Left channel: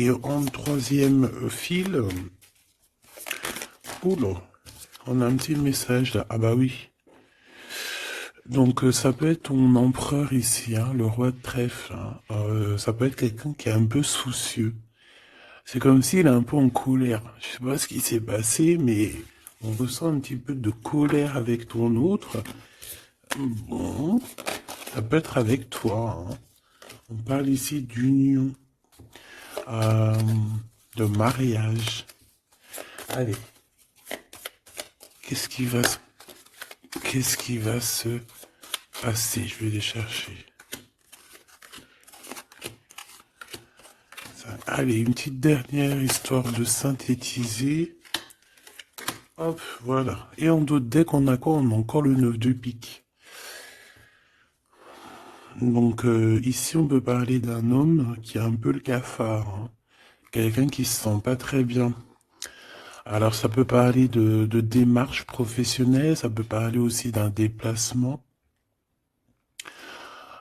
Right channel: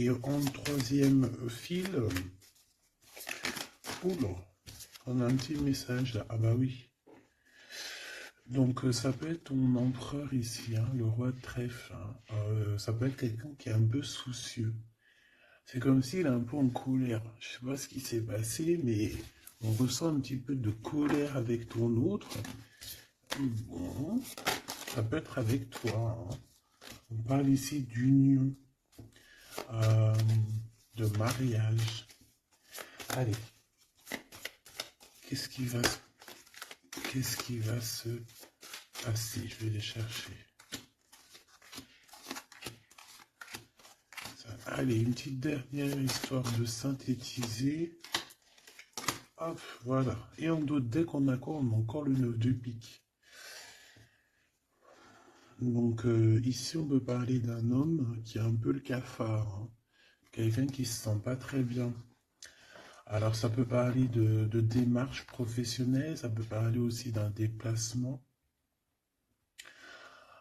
Et en troisième fil, oula, on a un petit message là. Ah bah oui. Donc ça peut être ton empereur ici, hein, le roi de trèfle. Hein. Ça peut être quelqu'un qui est un peu soucieux. C'est comme s'il est un peu en colère. Je sais pas ce qui s'est passé, mais on ressent un petit peu de colère avec ton autre. Bon, ça peut être avec toi. Hein. On parle ici d'union, euh, de mariage. Allez, qu'est-ce qui va se, qu'est-ce qui va se passer? Je vais les chercher. Ça, allez, une petite dernière histoire de synthétiser. Hop, voilà. Et en d'autres decks, on a quoi? On a encore le 9 de pique. Donc ici, on peut parler d'un homme qui a un peu le cafard. Hein. Quelqu'un qui se sent pas très bien. Alors ça peut parler de démarche professionnelle, ça peut parler aussi d'un déplacement.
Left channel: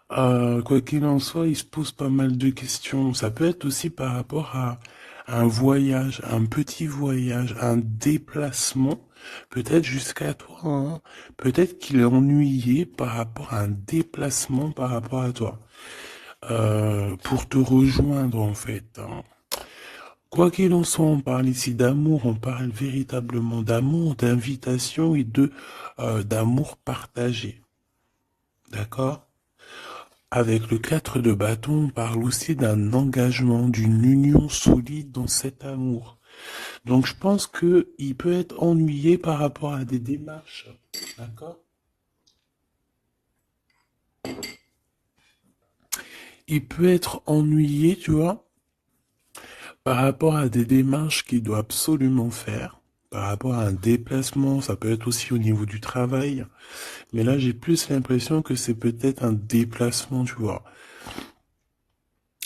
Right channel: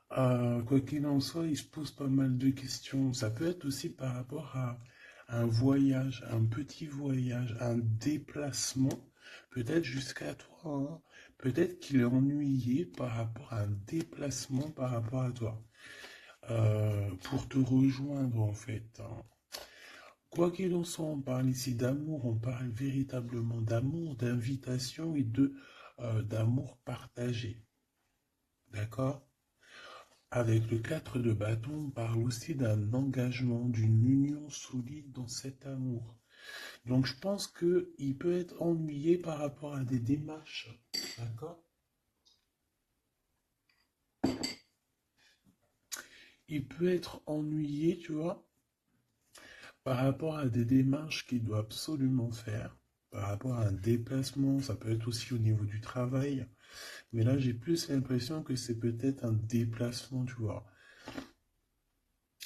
Quoi qu'il en soit, il se pose pas mal de questions. Ça peut être aussi par rapport à un voyage, un petit voyage, un déplacement, peut-être jusqu'à toi. Hein. Peut-être qu'il est ennuyé par rapport à un déplacement par rapport à toi. Pour te rejoindre en fait. Hein. Quoi qu'il en soit, on parle ici d'amour, on parle véritablement d'amour, d'invitation et de d'amour partagé. D'accord? Avec le 4 de bâton, on parle aussi d'un engagement, d'une union solide dans cet amour. Donc je pense que il peut être ennuyé par rapport à des démarches. D'accord? Il peut être ennuyé, tu vois, par rapport à des démarches qu'il doit absolument faire. Par rapport à un déplacement, ça peut être aussi au niveau du travail. Mais là, j'ai plus l'impression que c'est peut-être un déplacement, tu vois.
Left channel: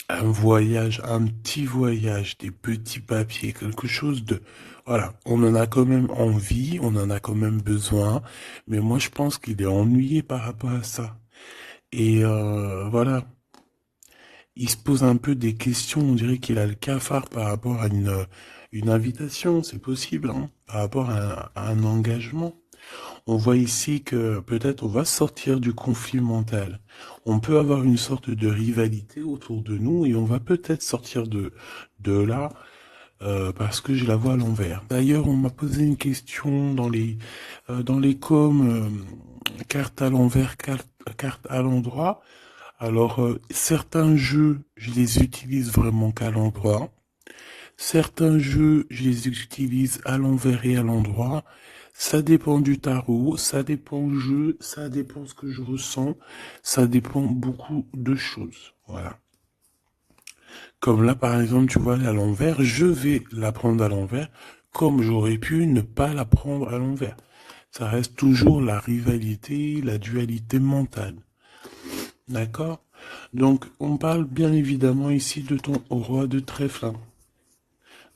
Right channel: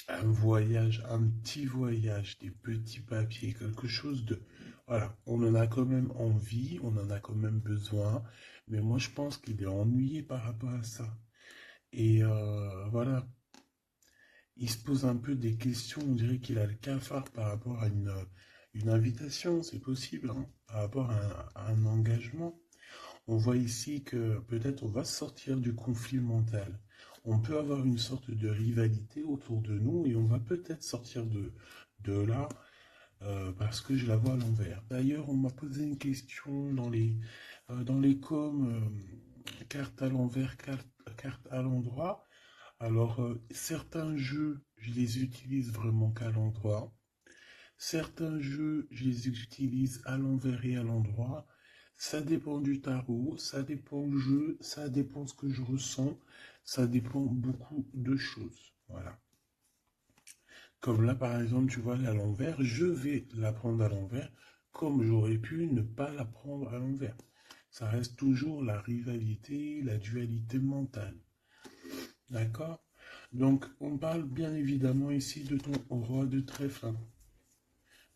Un voyage, un petit voyage, des petits papiers, quelque chose de... Voilà, on en a quand même envie, on en a quand même besoin, mais moi je pense qu'il est ennuyé par rapport à ça. Et voilà, il se pose un peu des questions, on dirait qu'il a le cafard par rapport à une invitation, c'est possible, hein, par rapport à un engagement. On voit ici que peut-être on va sortir du conflit mental. On peut avoir une sorte de rivalité autour de nous et on va peut-être sortir de là parce que je la vois à l'envers. D'ailleurs, on m'a posé une question dans les coms, carte à l'envers, carte à l'endroit. Alors, certains jeux, je les utilise vraiment qu'à l'endroit. Certains jeux, je les utilise à l'envers et à l'endroit. Ça dépend du tarot, ça dépend du jeu, ça dépend ce que je ressens, ça dépend beaucoup de choses. Voilà. Comme là, par exemple, tu vois, à l'envers, je vais la prendre à l'envers, comme j'aurais pu ne pas la prendre à l'envers. Ça reste toujours la rivalité, la dualité mentale. D'accord? Donc, on parle bien évidemment ici de ton roi de trèfle, hein,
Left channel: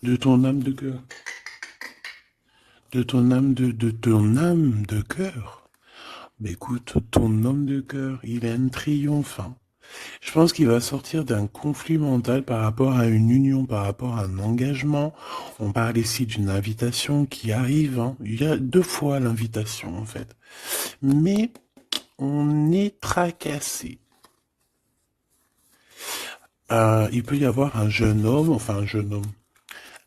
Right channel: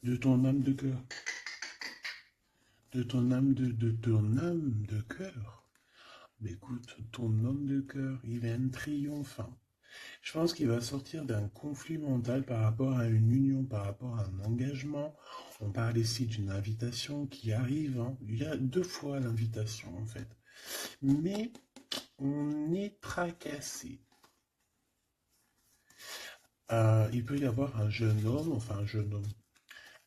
de ton âme de cœur. De ton âme de ton âme de cœur. Mais écoute, ton homme de cœur, il est un triomphant. Je pense qu'il va sortir d'un conflit mental par rapport à une union, par rapport à un engagement. On parle ici d'une invitation qui arrive. Hein. Il y a deux fois l'invitation en fait. Mais on est tracassé. Il peut y avoir un jeune homme, enfin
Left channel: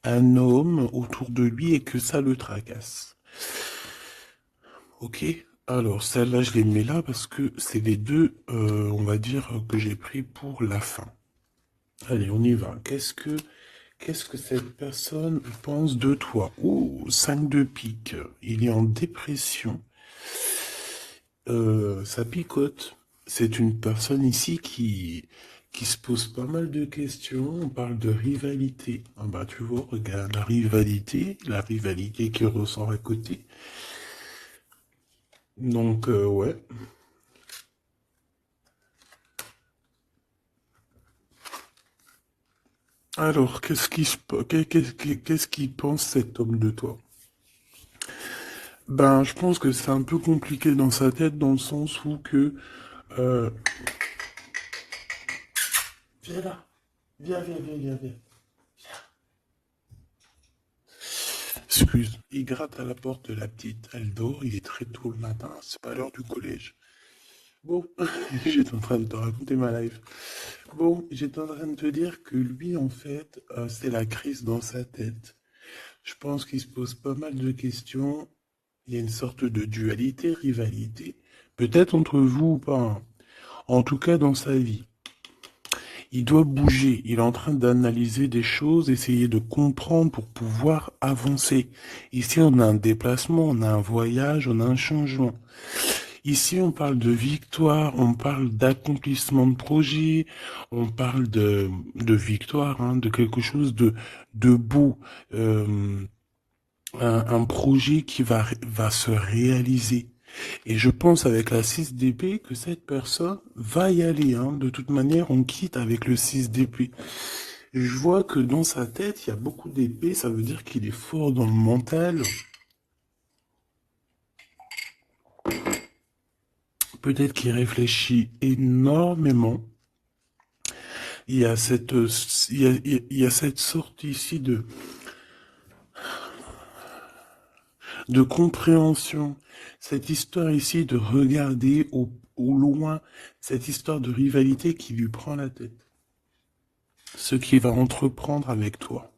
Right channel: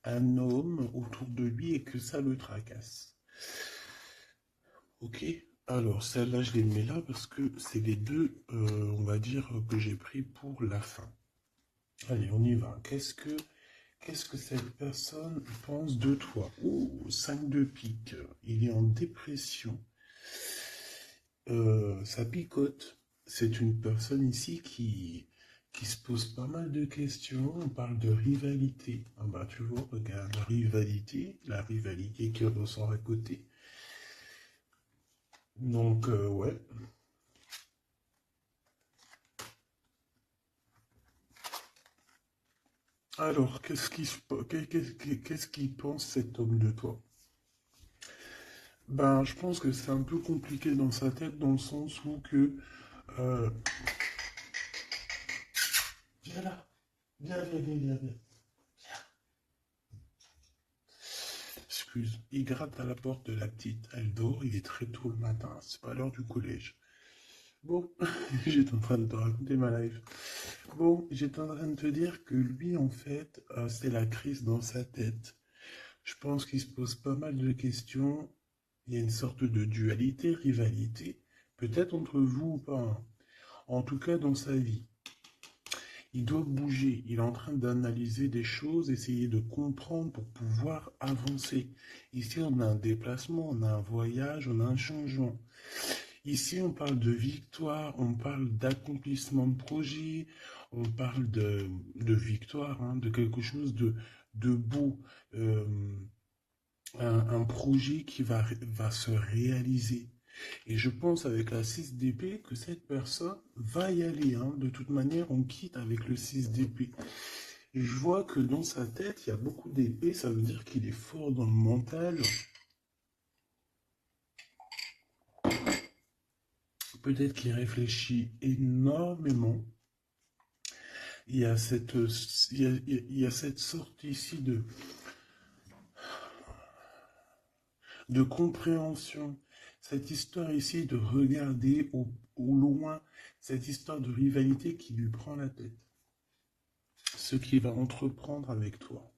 un homme autour de lui et que ça le tracasse. Ok, alors celle-là, je les mets là parce que c'est les deux, on va dire, que j'ai pris pour la fin. Allez, on y va. Qu'est-ce que cette personne pense de toi? Oh, 5 de pique. Il est en dépression. Ça picote. C'est une personne ici qui se pose pas mal de questions. On parle de rivalité. Ah bah tu vois, regarde la rivalité qui ressort à côté. Donc, ouais. Alors, qu'est-ce qu'il pense cet homme de toi? Ben, je pense que c'est un peu compliqué dans sa tête, dans le sens où que... euh, Viens là, viens. Excuse, il gratte à la porte de la petite. Elle dort, il est très tôt le matin, c'est pas l'heure du collège. Bon, j'étais en train de te raconter ma life. Bon, j'étais en train de te dire que lui, en fait, c'est la crise dans sa tête. Je pense qu'il se pose pas mal de questions. Il y a une sorte de dualité, rivalité, peut-être entre vous ou pas, hein. En tout cas, dans sa vie. Il doit bouger. Il est en train d'analyser des choses, essayer de comprendre pour pouvoir avancer. Ici, on a un déplacement, on a un voyage, on a un changement. Ici, on parle de victoire, on parle d'accomplissement de projet, on parle de victoire, hein, de quelque chose de beau, euh, un projet qui va se réaliser. Et je pense avec la 6 d'épée que cette personne va y aller, hein. De toute manière, on quitte avec le 6 d'épée. Je vois que dans sa tête, il y a beaucoup d'épées, ça veut dire qu'il est fort dans le mental. Peut-être qu'il réfléchit énormément. Il y a cette sorte ici de compréhension. Cette histoire ici de regarder au loin, cette histoire de rivalité qui lui prend la tête. Ce qu'il va entreprendre avec toi.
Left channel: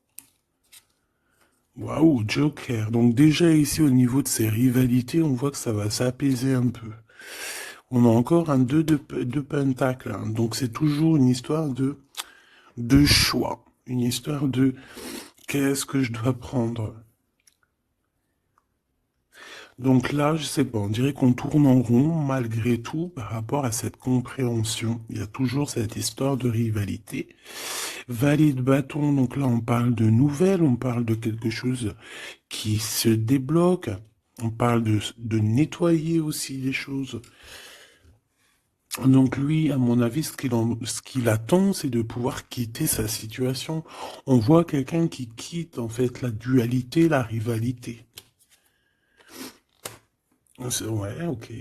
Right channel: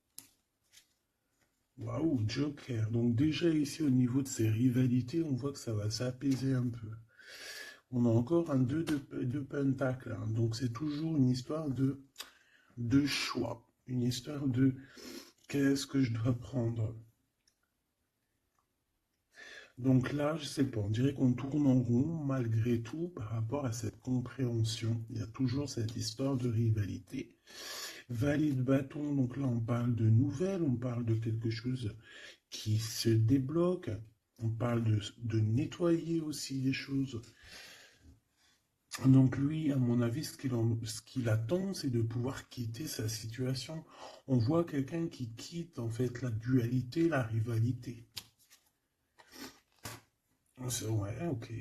Waouh, Joker. Donc déjà ici au niveau de ces rivalités, on voit que ça va s'apaiser un peu. On a encore un 2 de pentacle, hein. Donc c'est toujours une histoire de choix. Une histoire de qu'est-ce que je dois prendre. Donc là, je sais pas, on dirait qu'on tourne en rond malgré tout par rapport à cette compréhension. Il y a toujours cette histoire de rivalité. Valet de bâton, donc là on parle de nouvelles, on parle de quelque chose qui se débloque, on parle de nettoyer aussi les choses. Donc lui, à mon avis, ce qu'il attend, c'est de pouvoir quitter sa situation. On voit quelqu'un qui quitte en fait la dualité, la rivalité. Ouais, ok.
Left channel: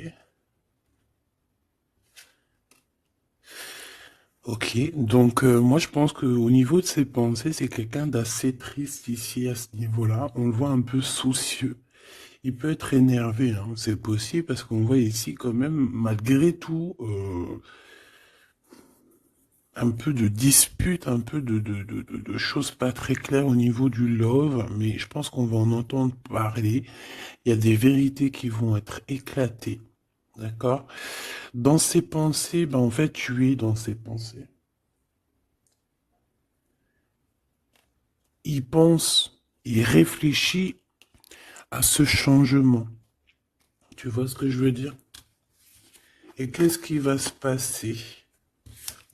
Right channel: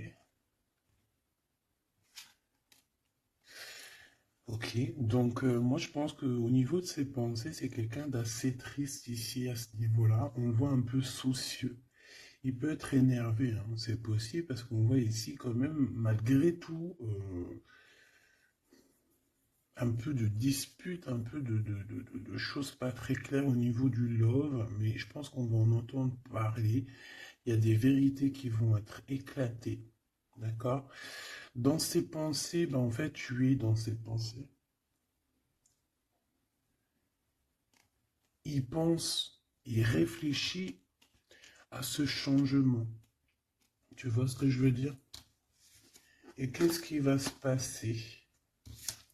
Ok, donc moi je pense qu'au niveau de ses pensées, c'est quelqu'un d'assez triste ici à ce niveau-là. On le voit un peu soucieux. Il peut être énervé, hein, c'est possible parce qu'on voit ici quand même, malgré tout, un peu de dispute, un peu de choses pas très claires au niveau du love, mais je pense qu'on va en entendre parler. Il y a des vérités qui vont être éclatées, d'accord? Dans ses pensées, ben en fait, tu es dans ses pensées. Il pense, il réfléchit à ce changement. Tu vois ce que je veux dire? Et qu'est-ce qui va se passer?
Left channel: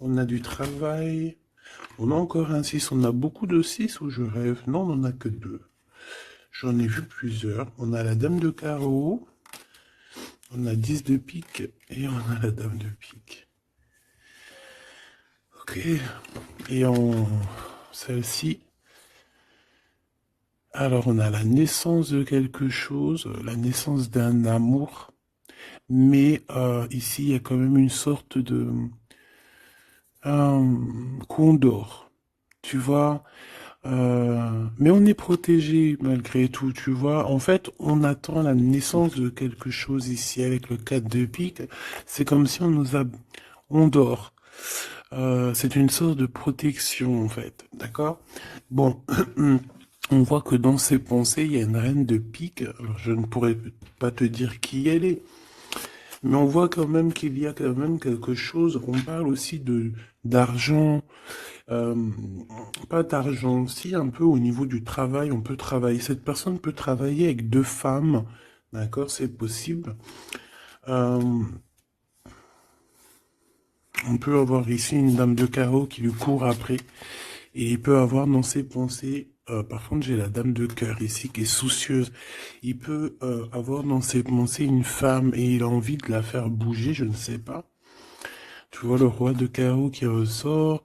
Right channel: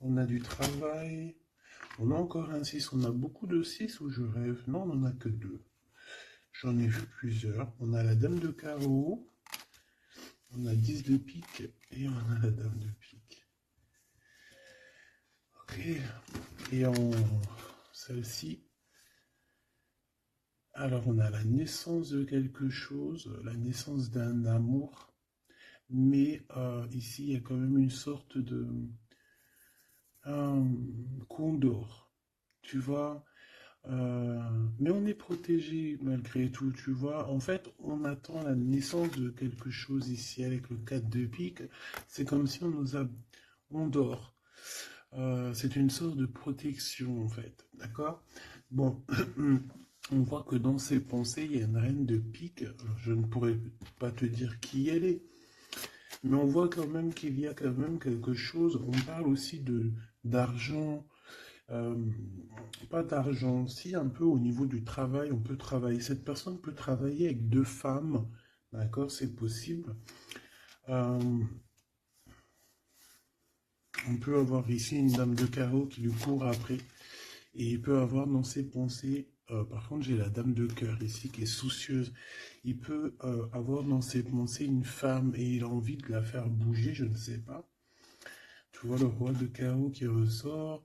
On a du travail. On a encore un 6. On a beaucoup de 6 ou je rêve? Non, on n'en a que 2. J'en ai vu plusieurs. On a la dame de carreau. On a 10 de pique. Et on a la dame de pique. Ok. Et en celle-ci. Alors, on a la naissance de quelque chose. La naissance d'un amour. Mais ici, il y a quand même une sorte de condor. Tu vois, mais on est protégé malgré tout, tu vois. En fait, on attend la naissance de quelque chose ici avec le 4 de pique. C'est comme si on nous a... On dort. C'est une sorte de protection, en fait. D'accord? Bon, on voit que dans ses pensées, il y a une reine de pique. Alors, je ne pourrais pas te dire qui elle est. Mais on voit quand même qu'il y a quand même quelque chose. On parle aussi de d'argent, euh, pas d'argent, si un peu au niveau du travail, on peut travailler. Cette personne peut travailler avec 2 femmes, d'accord, c'est possible. Euh, on peut avoir ici une dame de carreau qui lui court après, et il peut avoir dans ses pensées. Par contre, j'ai la dame de cœur ici qui est soucieuse. Il peut avoir dans ses pensées une femme et il a envie de la faire bouger, je ne sais pas. Tu vois le roi de carreau qui ressort.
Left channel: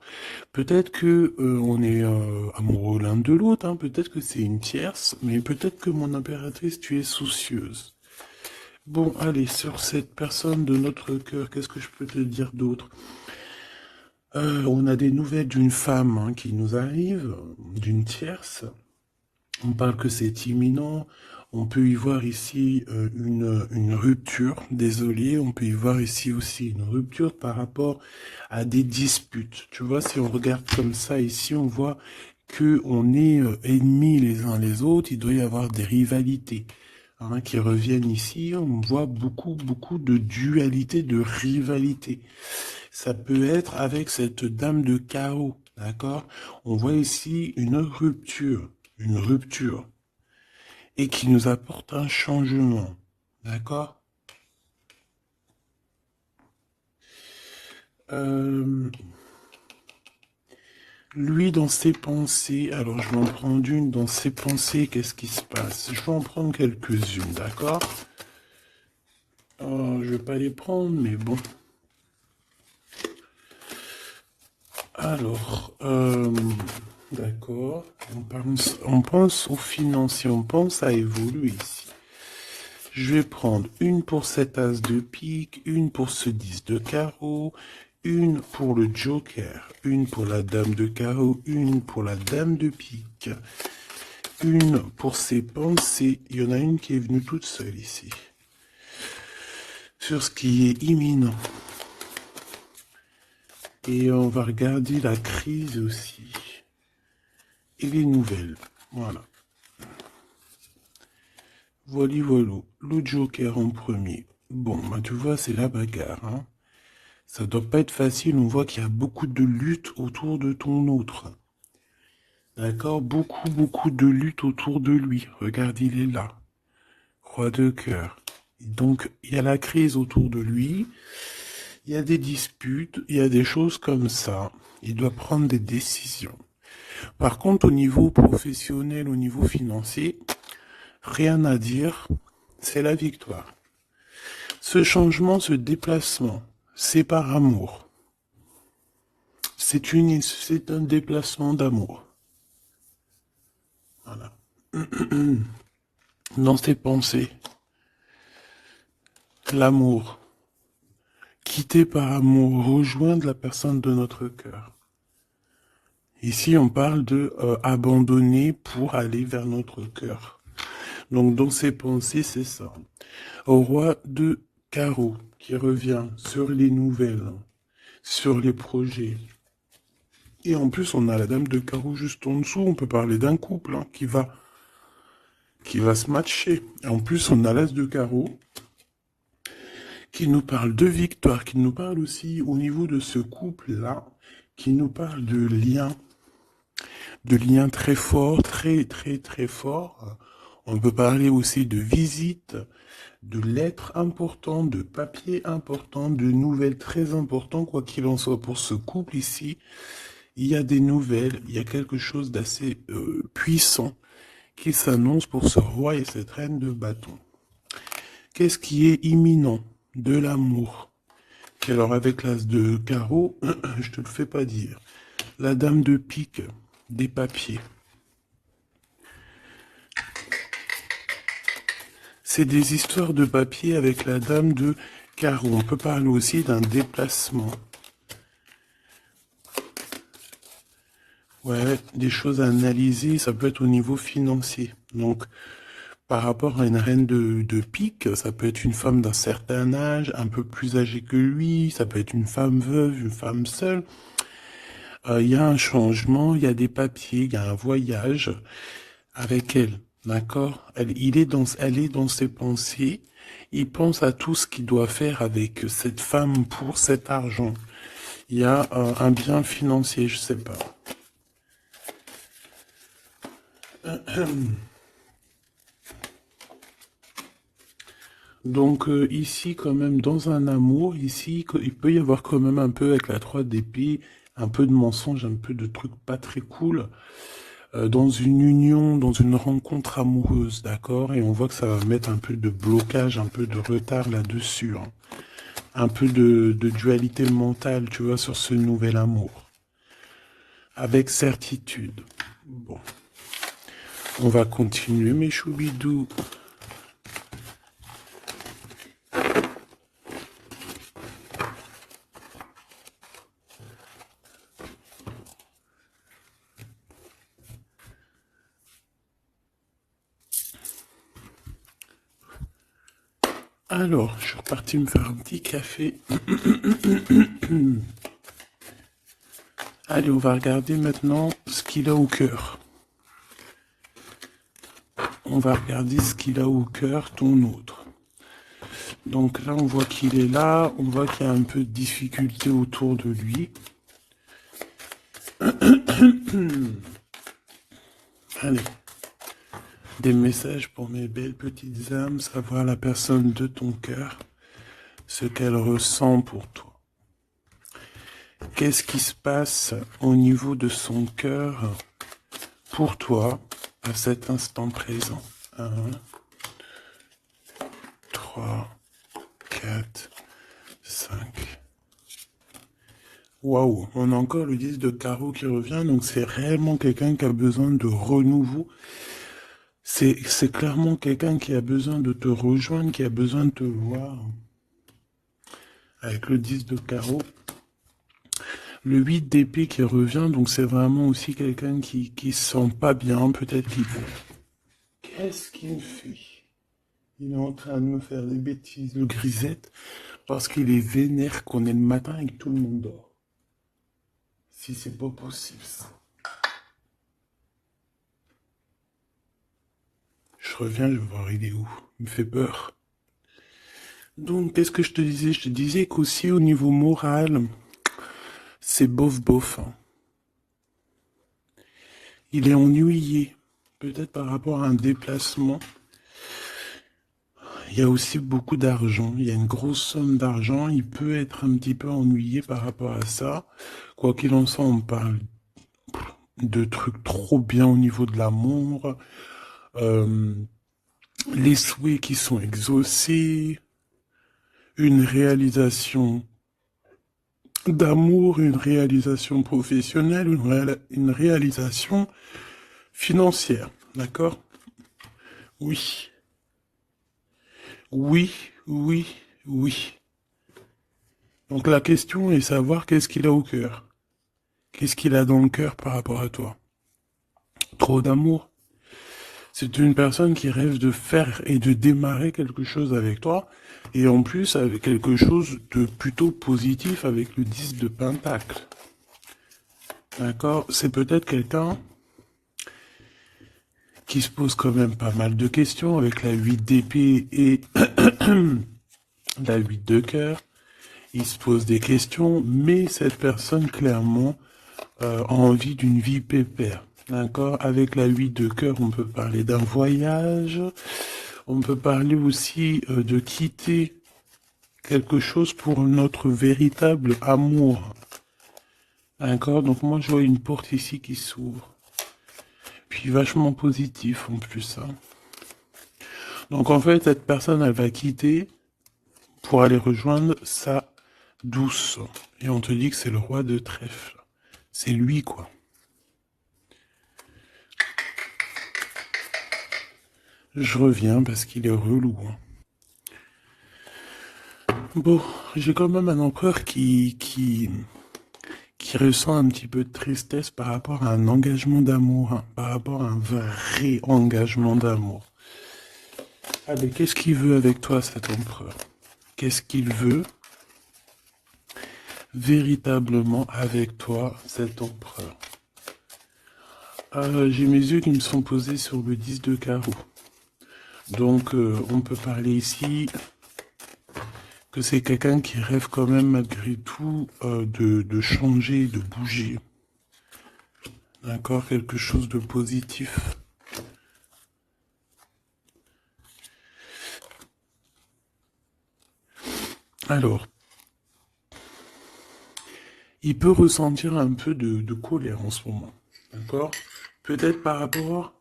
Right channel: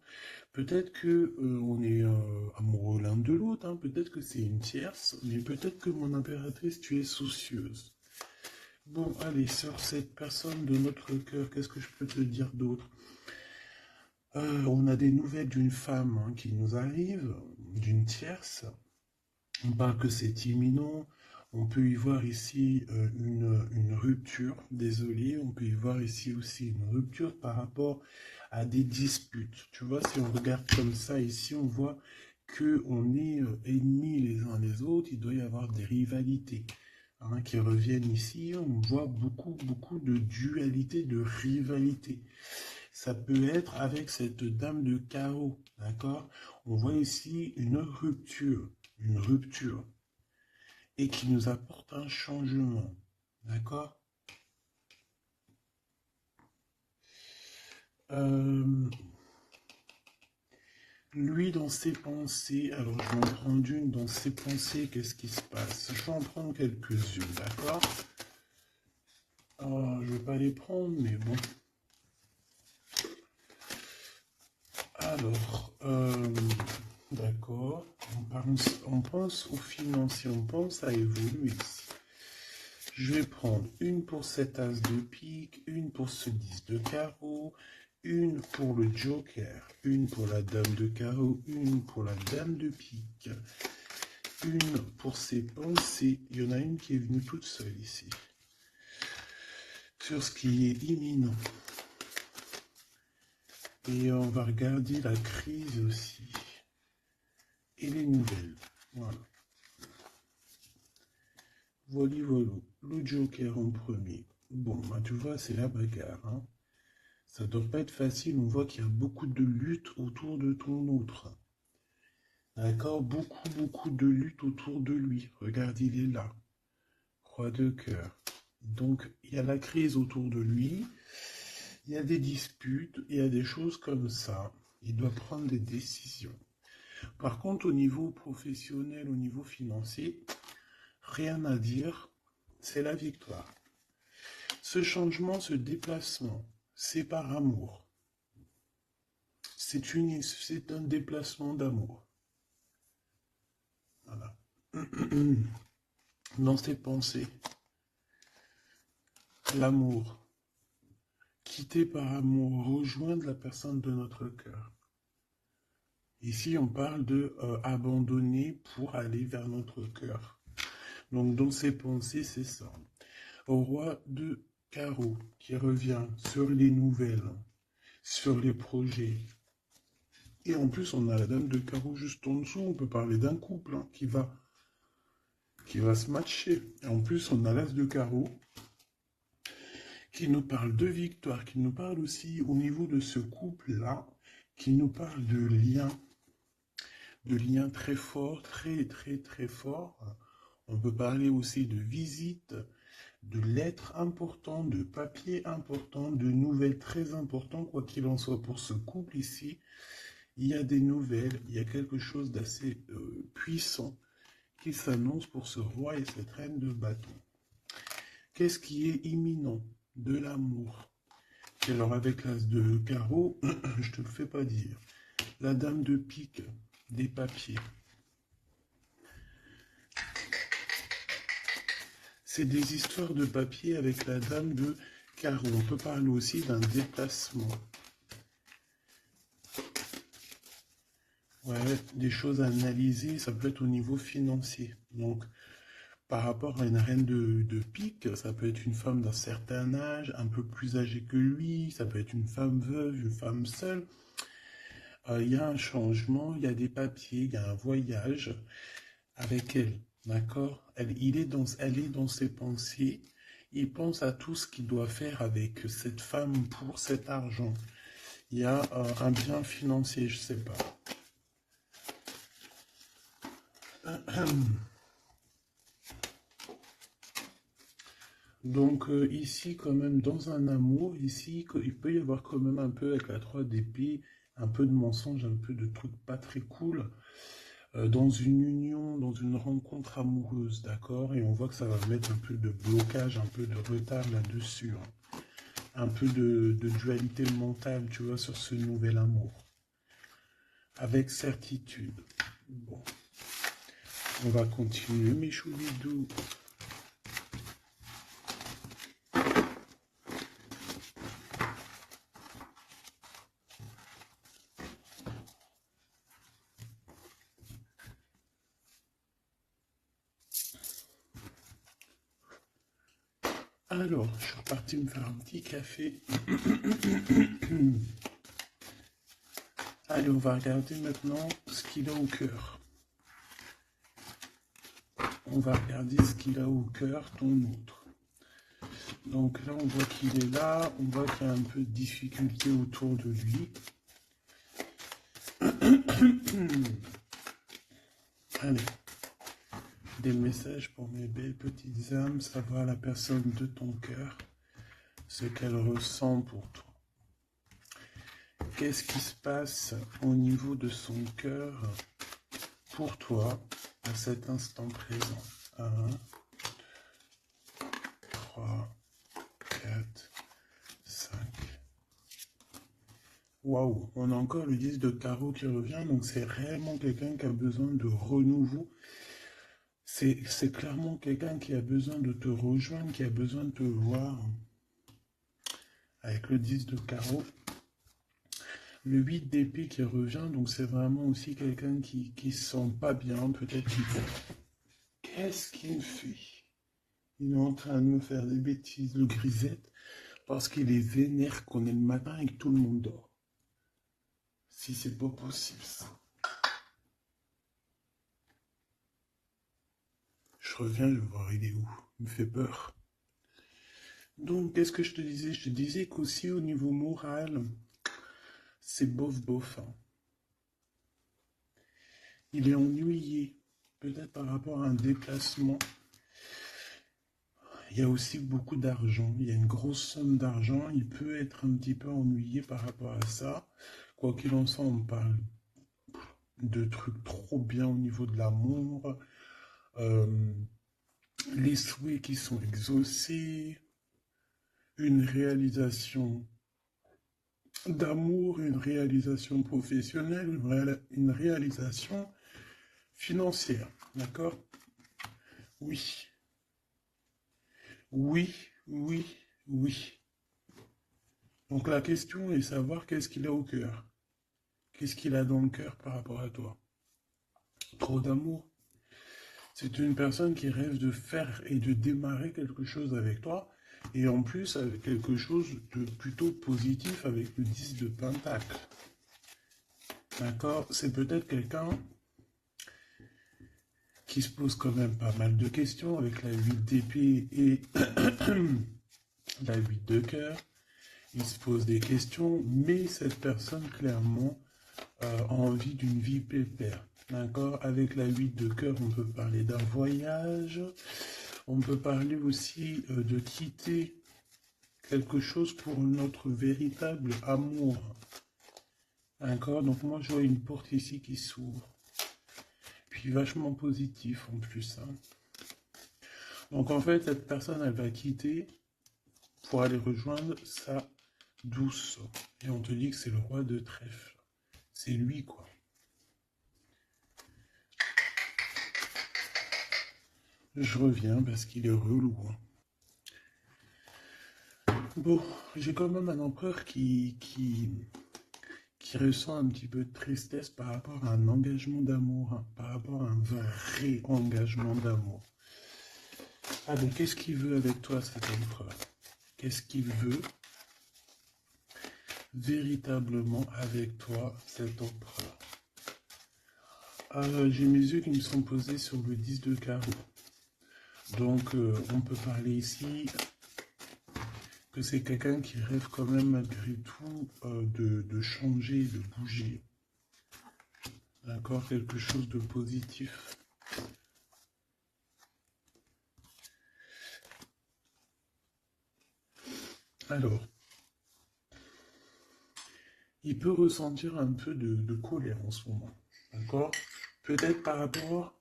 Peut-être que on est amoureux l'un de l'autre, hein. Peut-être que c'est une tierce, mais peut-être que mon impératrice, tu es soucieuse. Bon, allez, sur cette personne de notre cœur, qu'est-ce que je peux te dire d'autre? On a des nouvelles d'une femme, hein, qui nous arrive, d'une tierce. On parle que c'est imminent. On peut y voir ici une rupture, désolé. On peut y voir ici aussi une rupture par rapport à des disputes. Tu vois, si on regarde comme ça ici, on voit que on est ennemis les uns les autres. Il doit y avoir des rivalités hein, qui reviennent ici. On voit beaucoup de dualité, de rivalité. Ça peut être avec cette dame de chaos, d'accord? On voit ici une rupture, et qui nous apporte un changement, d'accord? Euh, Lui, dans ses pensées, alors je vais en prendre une, dans ses pensées, qu'est-ce qui se passe? Je vais en prendre quelques-unes, d'accord? Oh, je vais pas les prendre, mais bon. Alors, d'accord, on pense aux financiers, on pense à évoluer ici. Je vais prendre une pour cet as de pique, une pour ce 10 de carreau, une pour le joker, une pour la dame de carreau, une pour la dame de pique, une pour ses pensées. Il y en a une qui est venue toute seule ici. Sur ce qui est imminent. Et on va regarder la crise aussi. Et les nouvelles. Voilà. Voilà, voilà. Le joker en premier. Bon, bah, tu vois, c'est la bagarre. Hein. Ça doit pas être facile. On voit qu'il y a beaucoup de lutte autour de ton autre. D'accord? Beaucoup de lutte autour de lui. Regarde, il est là. Roi de cœur. Donc, il y a la crise autour de lui. Il y a des disputes. Il y a des choses comme ça. Il doit prendre des décisions. Par contre, au niveau professionnel, au niveau financier, rien à dire. C'est la victoire. Ce changement, ce déplacement, c'est par amour. C'est un déplacement d'amour. Voilà. Dans tes pensées, l'amour. Quitter par amour, rejoindre la personne de notre cœur. Ici, on parle de abandonner pour aller vers notre cœur. Donc, dans ses pensées, c'est ça. Au roi de carreau qui revient sur les nouvelles, sur les projets. Et en plus, on a la dame de carreau juste en dessous. On peut parler d'un couple hein, qui va se matcher. Et en plus, on a l'as de carreau qui nous parle de victoire, qui nous parle aussi au niveau de ce couple-là, qui nous parle de liens très forts, très forts. On peut parler aussi de visites, de lettres importantes, de papiers importants, de nouvelles très importantes, quoi qu'il en soit pour ce couple ici. Il y a des nouvelles, il y a quelque chose d'assez puissant qui s'annonce pour ce roi et cette reine de bâton. Qu'est-ce qui est imminent? De l'amour. Et alors avec l'as de carreau, je te le fais pas dire. La dame de pique, des papiers. C'est des histoires de papier avec la dame de carreau. On peut parler aussi d'un déplacement. Ouais, des choses à analyser, ça peut être au niveau financier. Donc, par rapport à une reine de pique, ça peut être une femme d'un certain âge, un peu plus âgée que lui, ça peut être une femme veuve, une femme seule. Il y a un changement, il y a des papiers, il y a un voyage avec elle, d'accord? Elle est dans ses pensées. Il pense à tout ce qu'il doit faire avec cette femme pour cet argent. Il y a un bien financier, je sais pas. Donc ici, quand même, dans un amour, ici, il peut y avoir quand même un peu avec la 3 d'épée, un peu de mensonge, un peu de trucs pas très cool, dans une union, dans une rencontre amoureuse, d'accord? Et on voit que ça va mettre un peu de blocage, un peu de retard là-dessus, hein. Un peu de dualité mentale, tu vois, sur ce nouvel amour. Avec certitude. Bon, on va continuer, mes choubidous. Alors, je suis reparti me faire un petit café. Allez, on va regarder maintenant ce qu'il a au cœur. On va regarder ce qu'il a au cœur, ton autre. Donc là, on voit qu'il est là. On voit qu'il y a un peu de difficulté autour de lui. Allez. Des messages pour mes belles petites âmes, savoir la personne de ton cœur, ce qu'elle ressent pour toi. Qu'est-ce qui se passe au niveau de son cœur pour toi à cet instant présent? 1, 3, 4, 5. Waouh, on a encore le 10 de carreau qui revient, donc c'est réellement quelqu'un qui a besoin de renouveau. C'est clairement quelqu'un qui a besoin de te rejoindre, qui a besoin de te voir. Avec le 10 de carreau. Le 8 d'épée qui revient, donc c'est vraiment aussi quelqu'un qui se sent pas bien, peut-être qu'il... Qu'est-ce qu'il me fait? Il est en train de me faire des bêtises, le grisette, parce qu'il est vénère qu'on est le matin et que tout le monde dort. Si c'est pas possible, ça. Je reviens, je vais voir il est où. Il me fait peur. Donc, qu'est-ce que je te disais? Je te disais qu'aussi au niveau moral, c'est bof. Hein. Il est ennuyé, peut-être par rapport à un déplacement. Il y a aussi beaucoup d'argent, il y a une grosse somme d'argent, il peut être un petit peu ennuyé par rapport à ça. Quoi qu'il en soit, on parle de trucs trop bien au niveau de l'amour, les souhaits qui sont exaucés, une réalisation d'amour, une réalisation professionnelle, une réalisation financière, d'accord? Oui, oui. Donc la question est savoir qu'est-ce qu'il a au cœur. Qu'est-ce qu'il a dans le cœur par rapport à toi? Trop d'amour? C'est une personne qui rêve de faire et de démarrer quelque chose avec toi, et en plus avec quelque chose de plutôt positif avec le 10 de Pentacle. D'accord? C'est peut-être quelqu'un qui se pose quand même pas mal de questions avec la 8 d'épée et la 8 de cœur. Il se pose des questions, mais cette personne clairement a envie d'une vie pépère. D'accord? Avec la 8 de cœur, on peut parler d'un voyage. On peut parler aussi de quitter quelque chose pour notre véritable amour. D'accord? Donc moi, je vois une porte ici qui s'ouvre. Puis vachement positif en plus. Hein. Donc en fait, cette personne, elle va quitter pour aller rejoindre sa douce. Et on te dit que c'est le roi de trèfle. C'est lui, quoi. Je reviens parce qu'il est relou. Hein. Bon, j'ai quand même un empereur qui ressent un petit peu de tristesse par rapport à un engagement d'amour, hein, par rapport à un vrai engagement d'amour. Allez, qu'est-ce qu'il veut avec toi, cet empereur? Qu'est-ce qu'il veut véritablement avec toi, cet empereur? J'ai mes yeux qui me sont posés sur le 10 de carreau. Donc, on peut parler ici que c'est quelqu'un qui rêve quand même malgré tout de changer, de bouger. D'accord? Quelque chose de positif. Alors, il peut ressentir un peu de colère en ce moment. D'accord? Peut-être par rapport...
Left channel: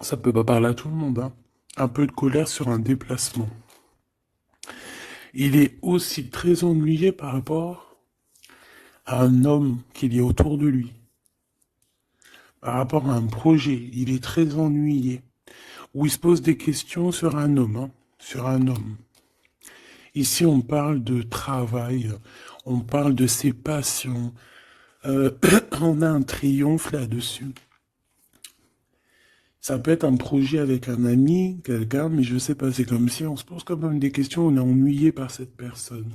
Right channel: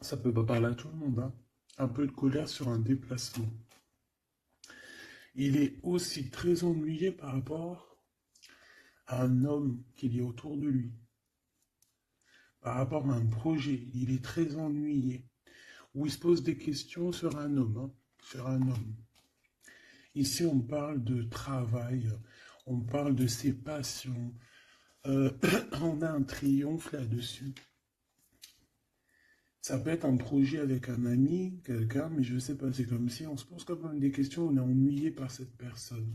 Ça peut pas parler à tout le monde, hein. Un peu de colère sur un déplacement. Il est aussi très ennuyé par rapport à un homme qu'il y a autour de lui. Par rapport à un projet, il est très ennuyé. Ou il se pose des questions sur un homme, hein, sur un homme. Ici, on parle de travail, on parle de ses passions. On a un triomphe là-dessus. Ça peut être un projet avec un ami, quelqu'un, mais je sais pas, c'est comme si on se pose quand même des questions, on est ennuyé par cette personne,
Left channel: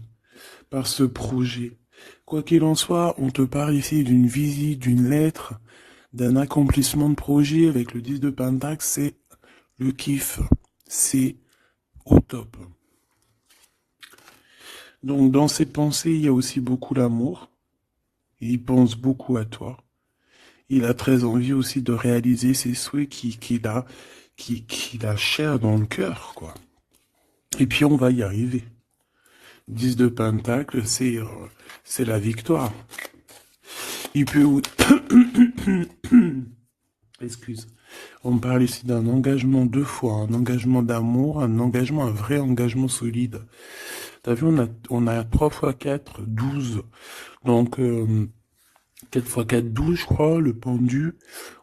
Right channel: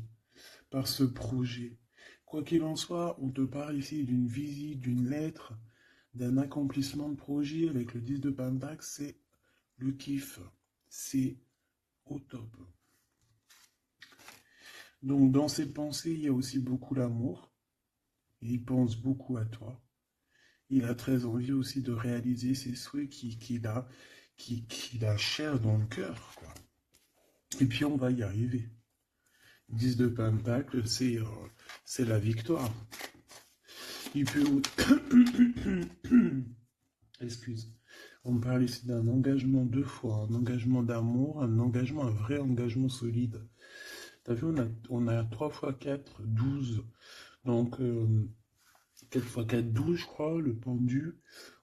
par ce projet. Quoi qu'il en soit, on te parle ici d'une visite, d'une lettre, d'un accomplissement de projet avec le 10 de Pentacle, c'est le kiff. C'est au top. Donc dans ses pensées, il y a aussi beaucoup d'amour. Il pense beaucoup à toi. Il a très envie aussi de réaliser ses souhaits qu'il a cher dans le cœur, quoi. Et puis on va y arriver. 10 de Pentacle, c'est la victoire. Il peut... Excuse. On parle ici d'un engagement deux fois, un engagement d'amour, un engagement, un vrai engagement solide. T'as vu, on a 3 x 4, 12. Donc, 4 x 4, 12, je crois, le pendu.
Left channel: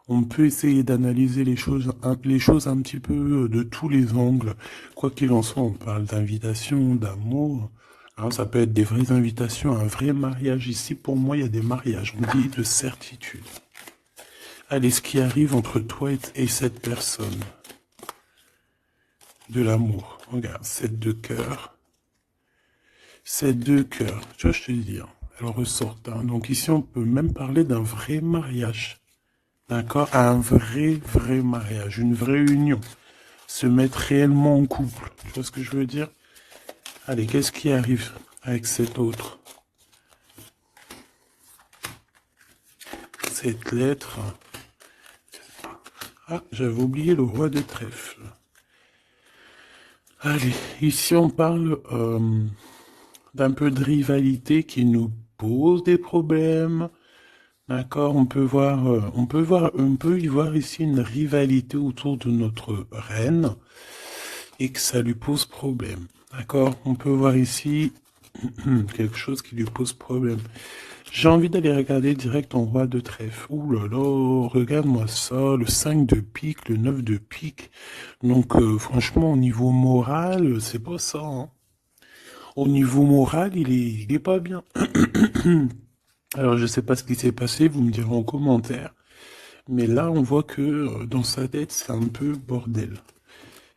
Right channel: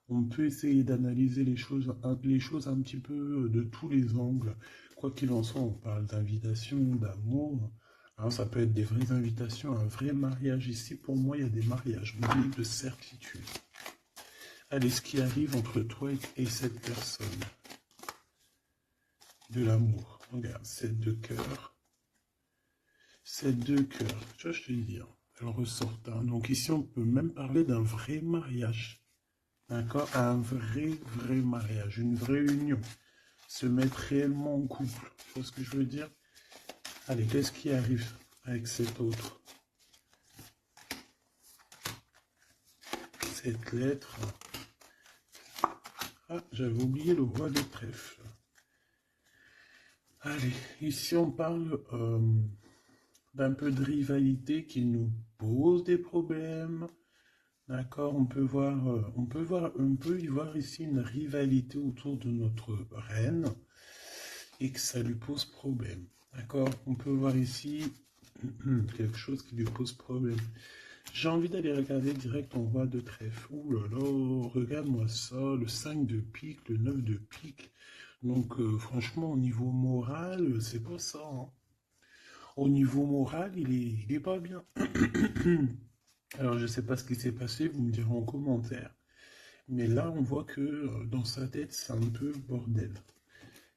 On peut essayer d'analyser les choses un petit peu de tous les angles. Quoi qu'il en soit, on parle d'invitation, d'amour. Alors, ça peut être des vraies invitations, un vrai mariage. Ici, pour moi, il y a des mariages. On dit de certitude. Allez, ce qui arrive entre toi et cette personne. De l'amour. Regarde, 7 de cœur. 7 de cœur. Tu vois, je te dis. Elle ressort. Hein. Donc ici, on peut même parler d'un vrai mariage. D'accord? Un vrai mariage. Une vraie union. Se mettre réellement en couple. Tu vois ce que je veux dire? Allez, qu'est-ce qui arrive avec cet autre? Cette lettre. Ah, j'avais oublié le roi de trèfle. Allez, ici on parle d'un peu de rivalité qui nous pose des problèmes. D'accord, on peut y voir ici une rivalité autour de notre reine et que ça lui pose problème. D'accord, on peut voir ici quelque chose qui lui pose problème. J'ai envie d'aller regarder direct en roi de trèfle. Ouh là là, regarde-moi ça, le 5 de pique, le 9 de pique. Donc franchement, au niveau moral, c'est pas ça. Hein. Au niveau moral, il est pas bien. Alors je sais pas ce qui s'est passé, vous me direz en commentaire. Mais là, on voit que dans sa tête, c'est un peu bordel.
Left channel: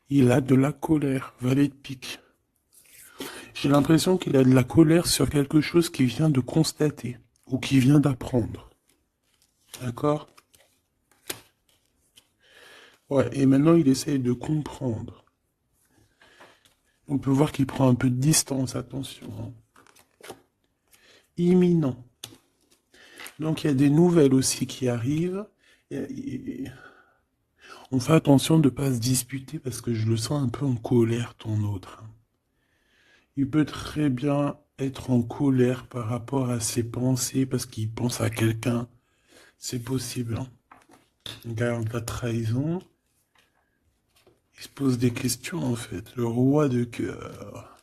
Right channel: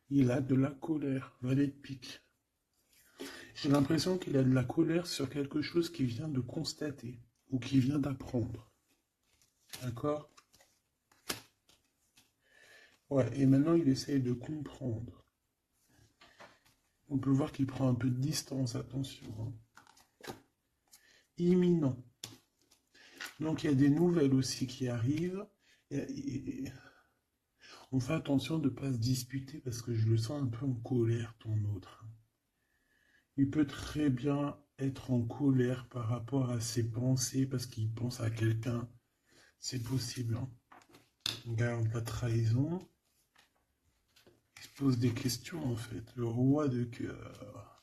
Il a de la colère, valet de pique. J'ai l'impression qu'il a de la colère sur quelque chose qu'il vient de constater ou qu'il vient d'apprendre. D'accord? Ouais, et maintenant il essaye de comprendre. On peut voir qu'il prend un peu de distance, attention. Hein. Imminent. Donc il y a des nouvelles aussi qui arrivent. On fait attention de ne pas se disputer parce que je le sens un peu en colère, ton autre. Il peut très bien être en colère par rapport à ses pensées parce qu'il pense à quelqu'un. C'est possible. Hein. Regarde la trahison. Il se pose des questions en fait. Le roi de cœur.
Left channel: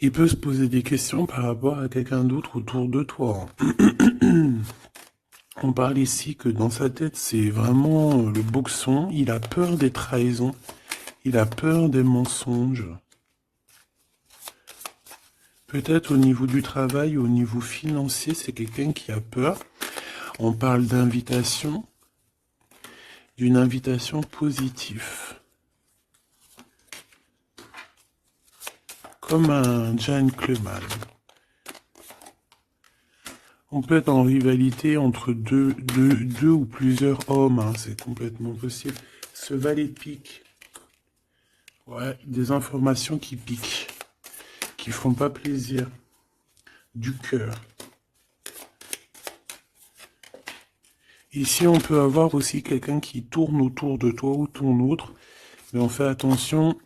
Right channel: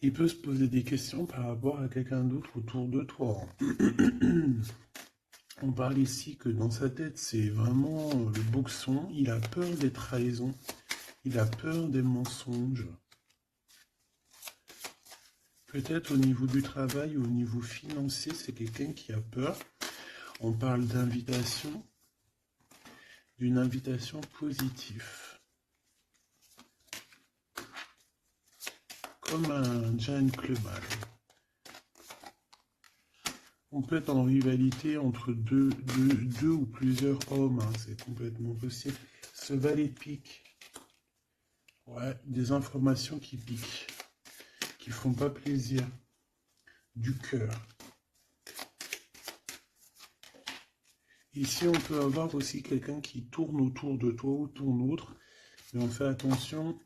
Il peut se poser des questions par rapport à quelqu'un d'autre autour de toi. On parle ici que dans sa tête, c'est vraiment le boxon. Il a peur des trahisons. Il a peur des mensonges. Peut-être au niveau du travail, au niveau financier, c'est quelqu'un qui a peur. On parle d'invitation, d'une invitation positive. Comme un gentleman. On peut être en rivalité entre deux ou plusieurs hommes, hein, c'est complètement possible. Ce valet de pique, ouais, des informations qui piquent, qui font pas plaisir, du cœur. Ici, on peut avoir aussi quelqu'un qui tourne autour de toi ou ton autre, mais on fait attention,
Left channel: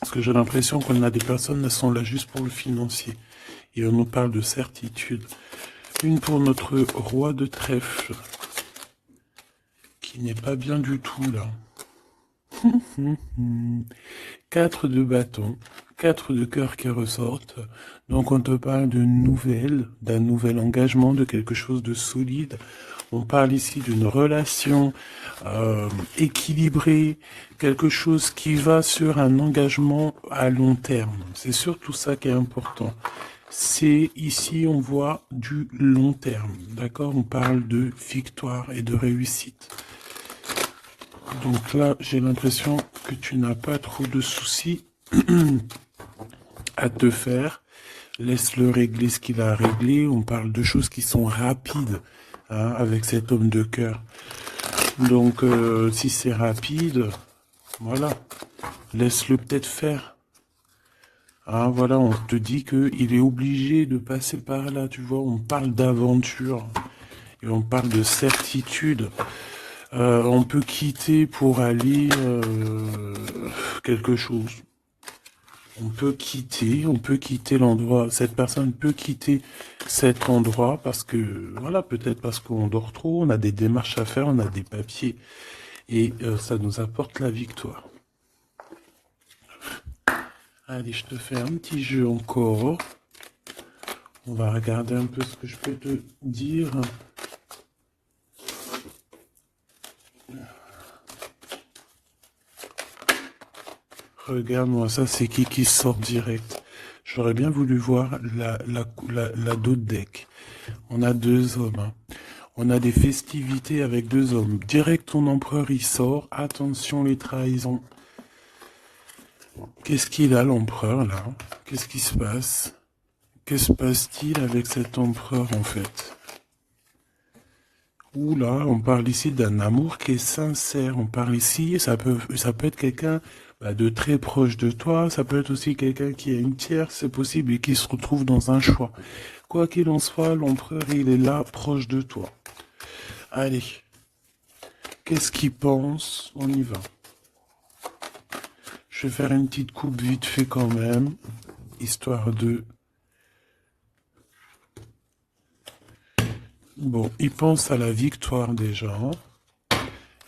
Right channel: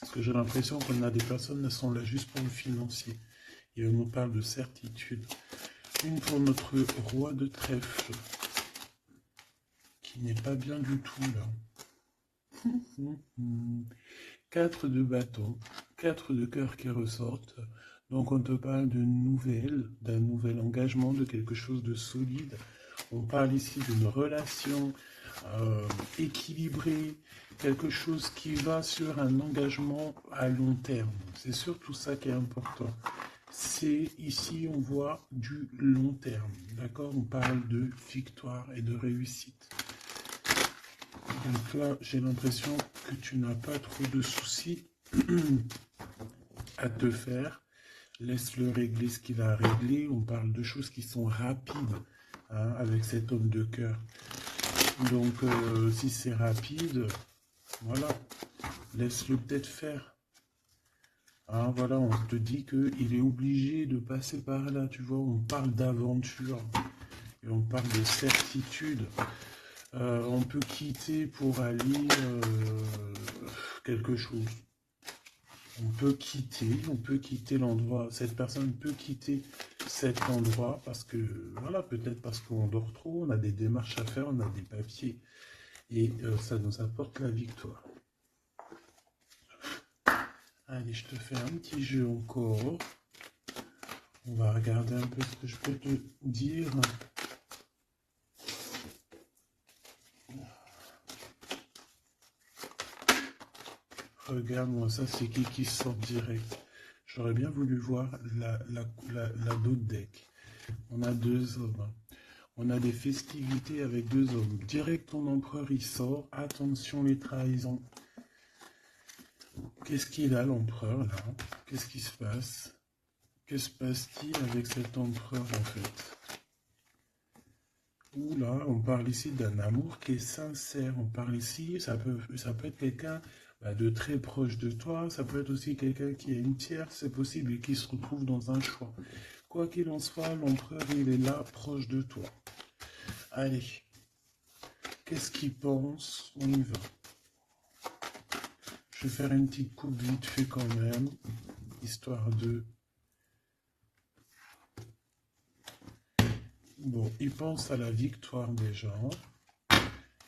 parce que j'ai l'impression qu'on a des personnes qui sont là juste pour le financier, et on nous parle de certitude. Une pour notre roi de trèfle, qui n'est pas bien du tout là. 4 de bâton, 4 de cœur qui ressortent. Donc on te parle de nouvelles, d'un nouvel engagement, de quelque chose de solide. On parle ici d'une relation équilibrée, quelque chose qui va sur un engagement à long terme. C'est surtout ça qui est important. C'est ici, on voit du long terme. D'accord? On parle de victoire et de réussite. Donc là, j'ai l'impression que tu n'as pas trop de soucis à te faire. Laisse-le régler ce qu'il a à régler. On parle de choses qui sont rapides, hein, avec cet homme de cœur. Donc, si c'est rapide, voilà, laisse-le peut-être faire. Hein, voilà, on te dit qu'il est obligé de passer par là, tu vois. On parle d'aventure et on parle de certitude. On peut quitter pour aller quelque chose. On peut quitter l'endroit. Cette personne peut quitter cet endroit parce que, voilà, peut-être parce qu'on dort trop, on a des démarches à faire, on a des papiers. Et ça nous apporte la victoire. Allez, je te fais un petit jeu encore. On va regarder un peu ce que je peux te dire. Regarde-moi, ça c'est qui sort direct. J'aurais bien voulu voir la d'autre deck. On a deux hommes. Hein. On a des festivités avec deux hommes. Direct, ton empereur, il sort. Attention, les trahisons. Qu'est-ce qu'il a, l'empereur, là? Qu'est-ce qui se passe? Que se passe-t-il avec cet empereur, en fait? Oula, on parle ici d'un amour qui est sincère. On parle ici, ça peut être quelqu'un de très proche de toi. Ça peut être aussi quelqu'un qui a une tierce, c'est possible, et qui se retrouve dans un choix. Quoi qu'il en soit, l'empereur, il est là, proche de toi. Allez, qu'est-ce qu'il pense? On y va. Je vais faire une petite coupe vite fait quand même, histoire de... Bon, il pense à la victoire déjà.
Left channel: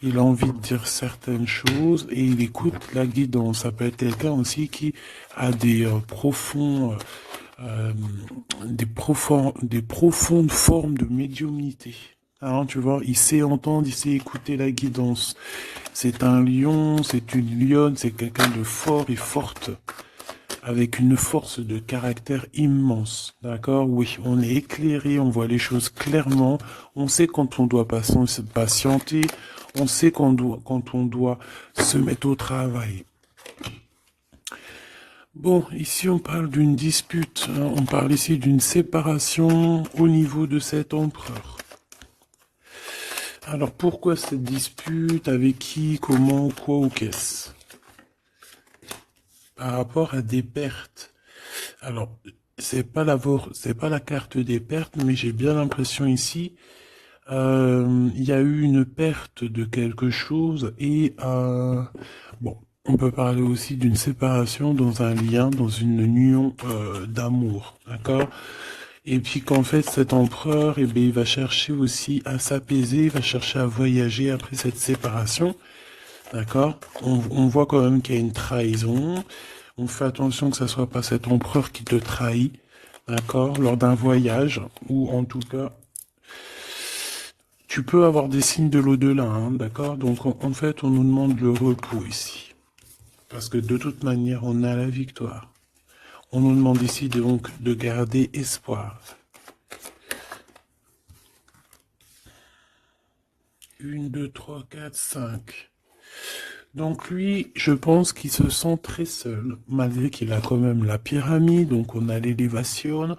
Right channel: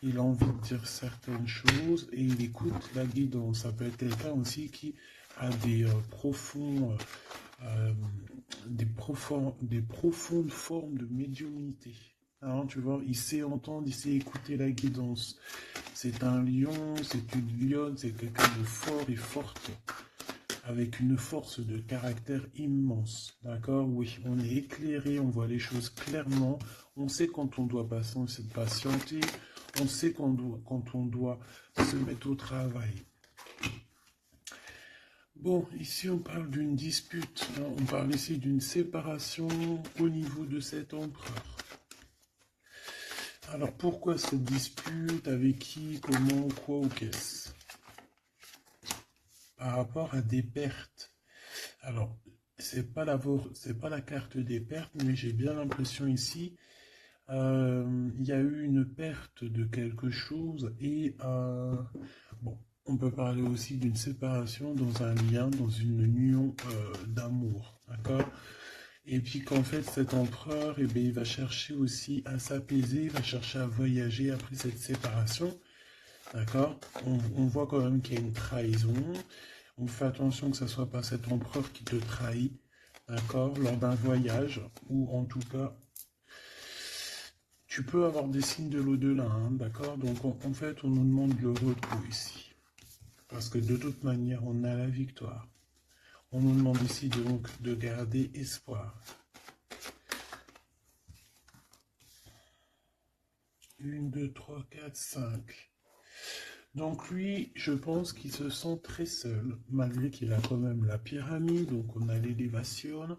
Il a envie de dire certaines choses et il écoute la guidance. Ça peut être quelqu'un aussi qui a des des profondes formes de médiumnité. Hein, tu vois, il sait entendre, il sait écouter la guidance. C'est un lion, c'est une lionne, c'est quelqu'un de fort et forte, avec une force de caractère immense. D'accord? Oui, on est éclairé, on voit les choses clairement, on sait quand on doit patienter, on sait quand on doit se mettre au travail. Bon, ici on parle d'une dispute, hein, on parle ici d'une séparation au niveau de cet empereur. Alors pourquoi cette dispute? Avec qui? Comment? Quoi ou qu'est-ce? Par rapport à des pertes. Alors, c'est pas la carte des pertes, mais j'ai bien l'impression ici, il y a eu une perte de quelque chose et bon, on peut parler aussi d'une séparation dans un lien, dans une union d'amour, d'accord? Et puis qu'en fait, cet empereur, eh bien, il va chercher aussi à s'apaiser, il va chercher à voyager après cette séparation, d'accord? On voit quand même qu'il y a une trahison. On fait attention que ce ne soit pas cet empereur qui te trahit, d'accord, lors d'un voyage, ou en tout cas, tu peux avoir des signes de l'au-delà, hein, d'accord? Donc en fait, on nous demande le repos ici. Parce que de toute manière, on a la victoire. On nous demande ici donc de garder espoir. 1, 2, 3, 4, 5. Donc lui, je pense qu'il se sent très seul, malgré qu'il a quand même la pyramide, donc on a l'élévation.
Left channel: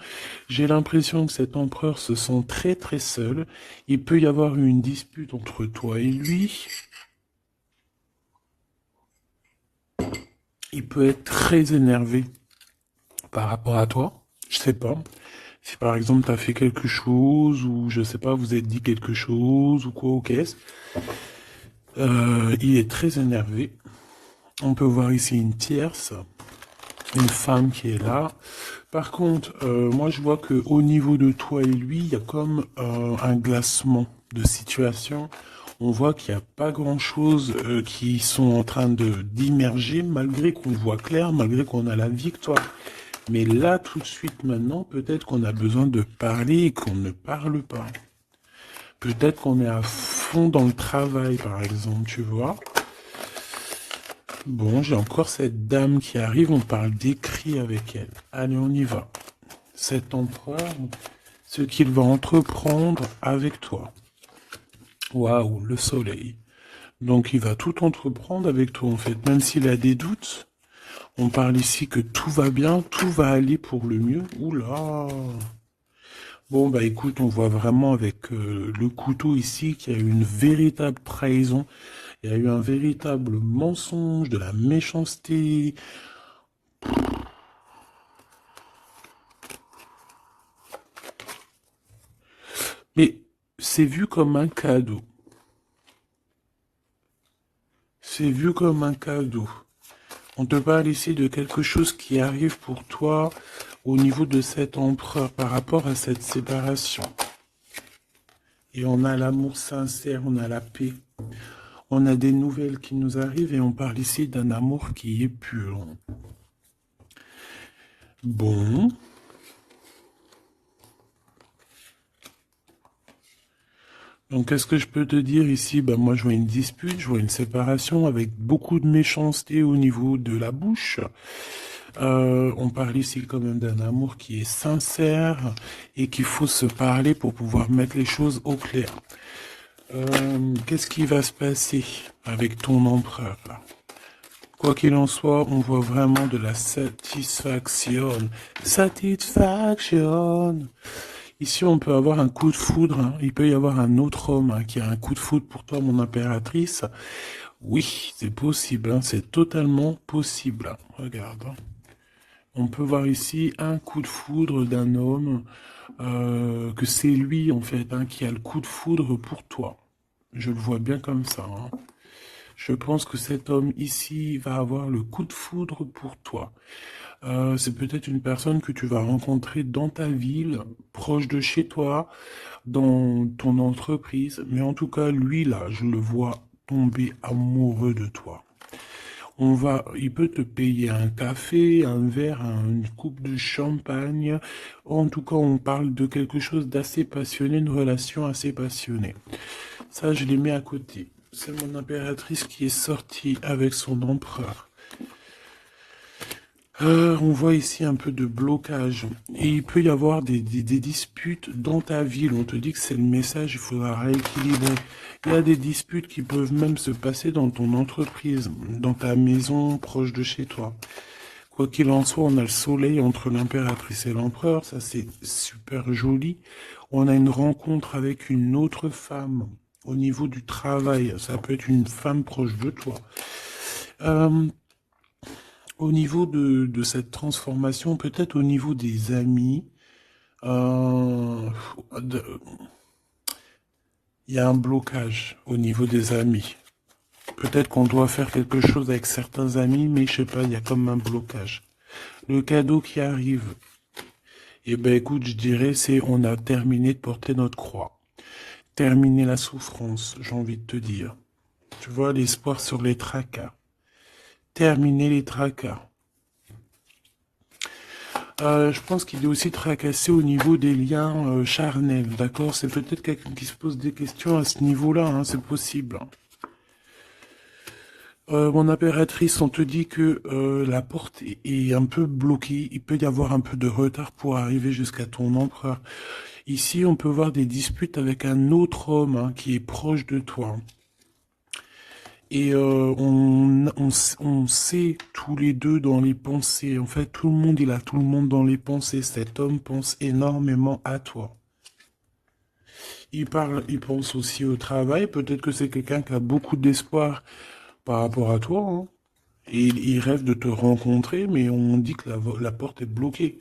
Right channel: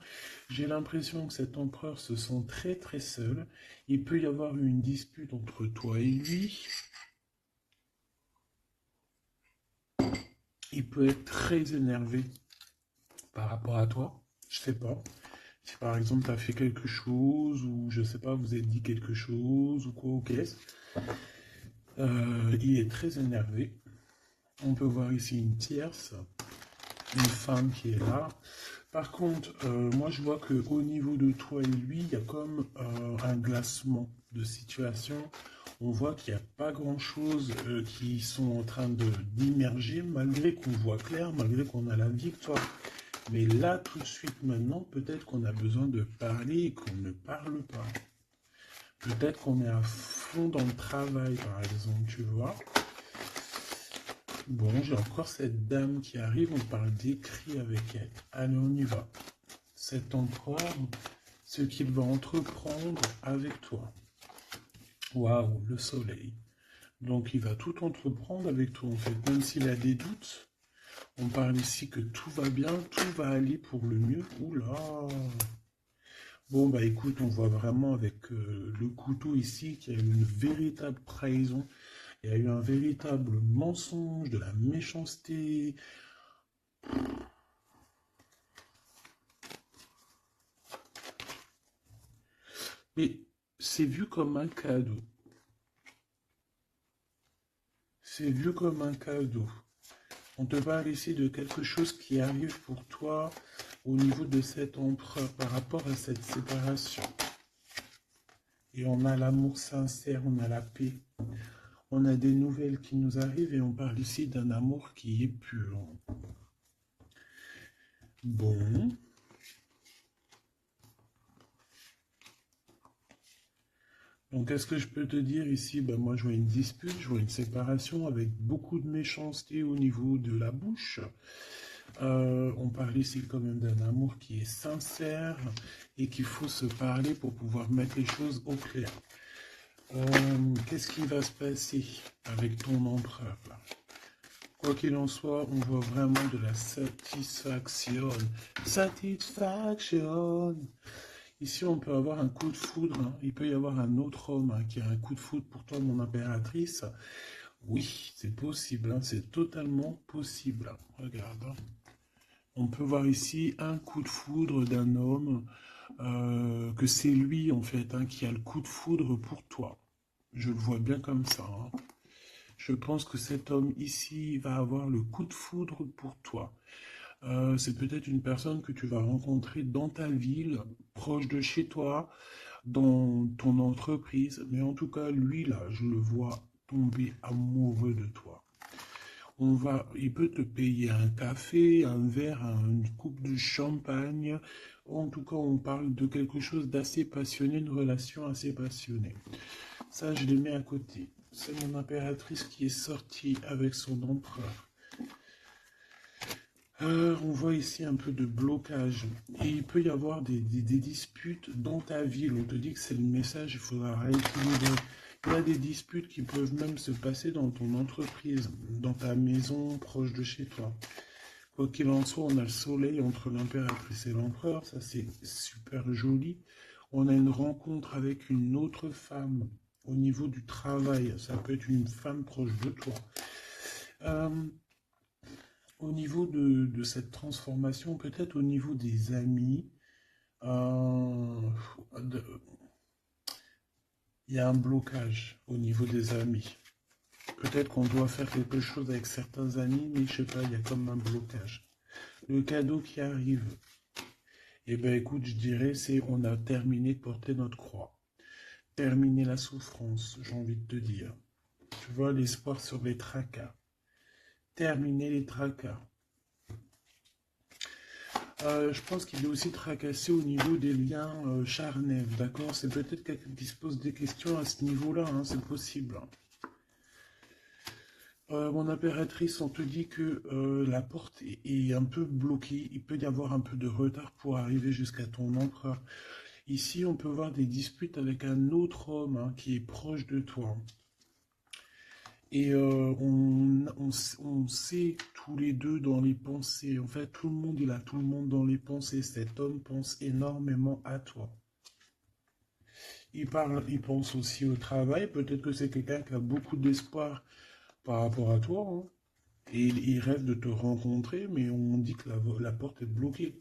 J'ai l'impression que cet empereur se sent très très seul. Il peut y avoir une dispute entre toi et lui. Il peut être très énervé par rapport à toi. Je sais pas. Si par exemple tu as fait quelque chose, ou je sais pas, vous êtes dit quelque chose, ou quoi, ou qu'est-ce. Il est très énervé. On peut voir ici une tierce, une femme qui est là. Par contre, moi je vois que au niveau de toi et lui, il y a comme un glacement de situation. On voit qu'il n'y a pas grand-chose qui sont en train d'immerger, malgré qu'on voit clair, malgré qu'on a la victoire. Mais là, tout de suite, maintenant, peut-être qu'on a besoin de parler et qu'on ne parle pas. Peut-être qu'on est à fond dans le travail, par exemple, tu vois. Bon, j'ai encore cette dame qui arrive, on parle d'écrit avec elle. Allez, on y va. Cet empereur, ce qu'il va entreprendre avec toi. Waouh, le soleil. Donc il va tout entreprendre avec toi en fait, même s'il a des doutes. On parle ici que tout va bien, tout va aller pour le mieux. Oula! Bon bah écoute, on voit vraiment avec le couteau ici qu'il y a eu une véritable trahison, il y a eu un véritable mensonge, de la méchanceté. Mais c'est vu comme un cadeau. C'est vu comme un cadeau. On te parle ici de quelque chose qui arrive pour toi au niveau de cet empereur par rapport à cette séparation. Et on a l'amour sincère, on a la paix. On a des nouvelles qui nous arrivent et on parle ici d'un amour qui est pur. Bon. Donc, qu'est-ce que je peux te dire ici? Ben, moi, je vois une dispute, je vois une séparation avec beaucoup de méchanceté au niveau de la bouche. On parle ici quand même d'un amour qui est sincère et qu'il faut se parler pour pouvoir mettre les choses au clair. Qu'est-ce qui va se passer avec ton empereur là? Quoi qu'il en soit, on voit vraiment de la satisfaction. Satisfaction. Ici, on peut avoir un coup de foudre, hein. Il peut y avoir un autre homme hein, qui a un coup de foudre pour toi, mon impératrice. Oui, c'est possible, hein, c'est totalement possible. Regarde, hein. On peut voir ici un coup de foudre d'un homme, que c'est lui, en fait, hein, qui a le coup de foudre pour toi. Je le vois bien comme ça, hein. Je pense que cet homme ici va avoir le coup de foudre pour toi. C'est peut-être une personne que tu vas rencontrer dans ta ville, proche de chez toi, dans ton entreprise. Mais en tout cas, lui, là, je le vois tomber amoureux de toi. Il peut te payer un café, un verre, une coupe de champagne. En tout cas, on parle de quelque chose d'assez passionné, une relation assez passionnée. Ça, je l'ai mis à côté. C'est mon impératrice qui est sortie avec son empereur. On voit ici un peu de blocage. Et il peut y avoir des disputes dans ta ville. On te dit que c'est le message, il faudra rééquilibrer. Il y a des disputes qui peuvent même se passer dans ton entreprise, dans ta maison, proche de chez toi. Quoi qu'il en soit, on a le soleil entre l'impératrice et l'empereur. Ça, c'est super joli. On a une rencontre avec une autre femme au niveau du travail. Ça peut être une femme proche de toi. Euh, Au niveau de cette transformation, peut-être au niveau des amis, euh, de- il y a un blocage au niveau des amis. Peut-être qu'on doit faire quelque chose avec certains amis, mais je sais pas, il y a comme un blocage. Le cadeau qui arrive, eh ben écoute, je dirais, c'est on a terminé de porter notre croix. Terminer la souffrance, j'ai envie de te dire. Tu vois, l'espoir sur les tracas. Terminer les tracas. Je pense qu'il est aussi tracassé au niveau des liens charnels, d'accord? C'est peut-être quelqu'un qui se pose des questions à ce niveau-là, hein, c'est possible. Mon impératrice, on te dit que la porte est un peu bloquée, il peut y avoir un peu de retard pour arriver jusqu'à ton empereur. Ici, on peut voir des disputes avec un autre homme hein, qui est proche de toi. Et on sait tous les deux dans les pensées. En fait, tout le monde, il a tout le monde dans les pensées. Cet homme pense énormément à toi. Il pense aussi au travail. Peut-être que c'est quelqu'un qui a beaucoup d'espoir par rapport à toi, hein. Et il rêve de te rencontrer, mais on dit que la porte est bloquée.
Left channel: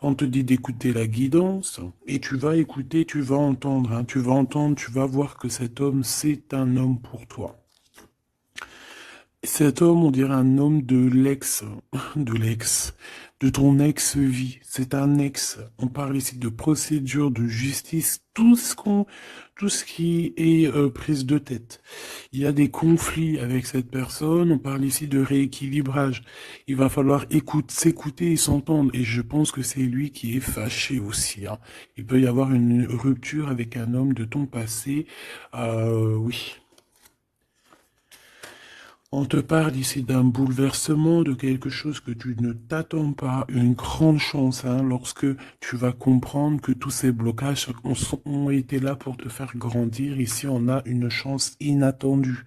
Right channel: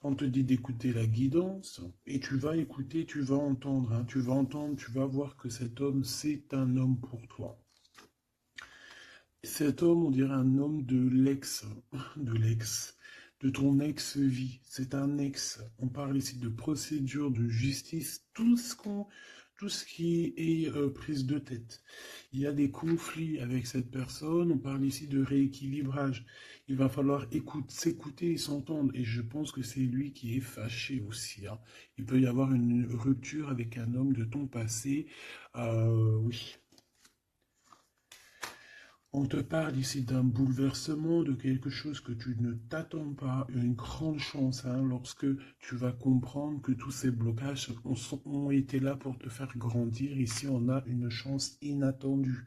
On te dit d'écouter la guidance, et tu vas écouter, tu vas entendre, hein. Tu vas entendre, tu vas voir que cet homme, c'est un homme pour toi. Cet homme, on dirait un homme de ton ex-vie. C'est un ex. On parle ici de procédure, de justice, tout ce qui est prise de tête. Il y a des conflits avec cette personne. On parle ici de rééquilibrage. Il va falloir s'écouter et s'entendre. Et je pense que c'est lui qui est fâché aussi, hein. Il peut y avoir une rupture avec un homme de ton passé. Oui. On te parle ici d'un bouleversement, de quelque chose que tu ne t'attends pas, une grande chance, hein, lorsque tu vas comprendre que tous ces blocages ont été là pour te faire grandir. Ici, on a une chance inattendue.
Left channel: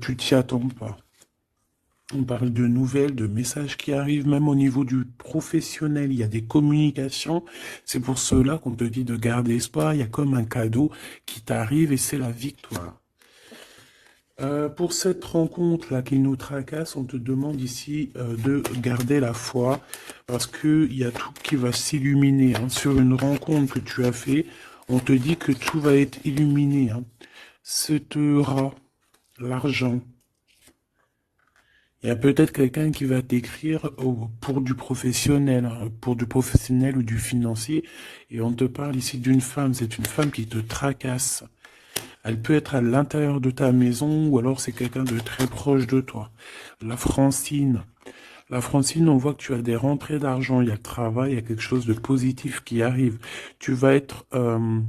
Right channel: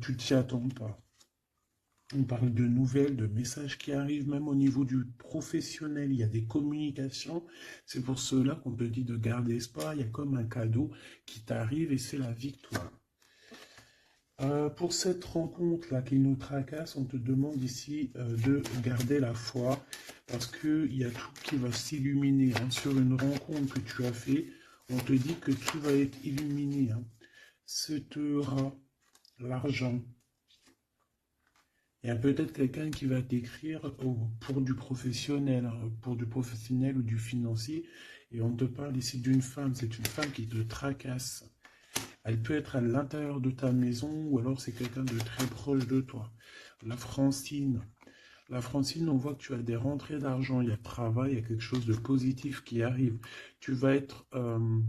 Tu t'y attends pas. On parle de nouvelles, de messages qui arrivent, même au niveau du professionnel. Il y a des communications. C'est pour cela qu'on te dit de garder espoir. Il y a comme un cadeau qui t'arrive et c'est la victoire. Pour cette rencontre-là qui nous tracasse, on te demande ici de garder la foi parce qu'il y a tout qui va s'illuminer, hein. Sur une rencontre que tu as fait, on te dit que tout va être illuminé, hein. Cet rat, l'argent. Il y a peut-être quelqu'un qui va t'écrire pour du professionnel, hein, pour du professionnel ou du financier, et on te parle ici d'une femme. C'est une femme qui te tracasse. Elle peut être à l'intérieur de ta maison ou alors c'est quelqu'un de très proche de toi. La Francine. La Francine, on voit que tu as des rentrées d'argent, il y a le travail, il y a quelque chose de positif qui arrive. Tu vas être, euh,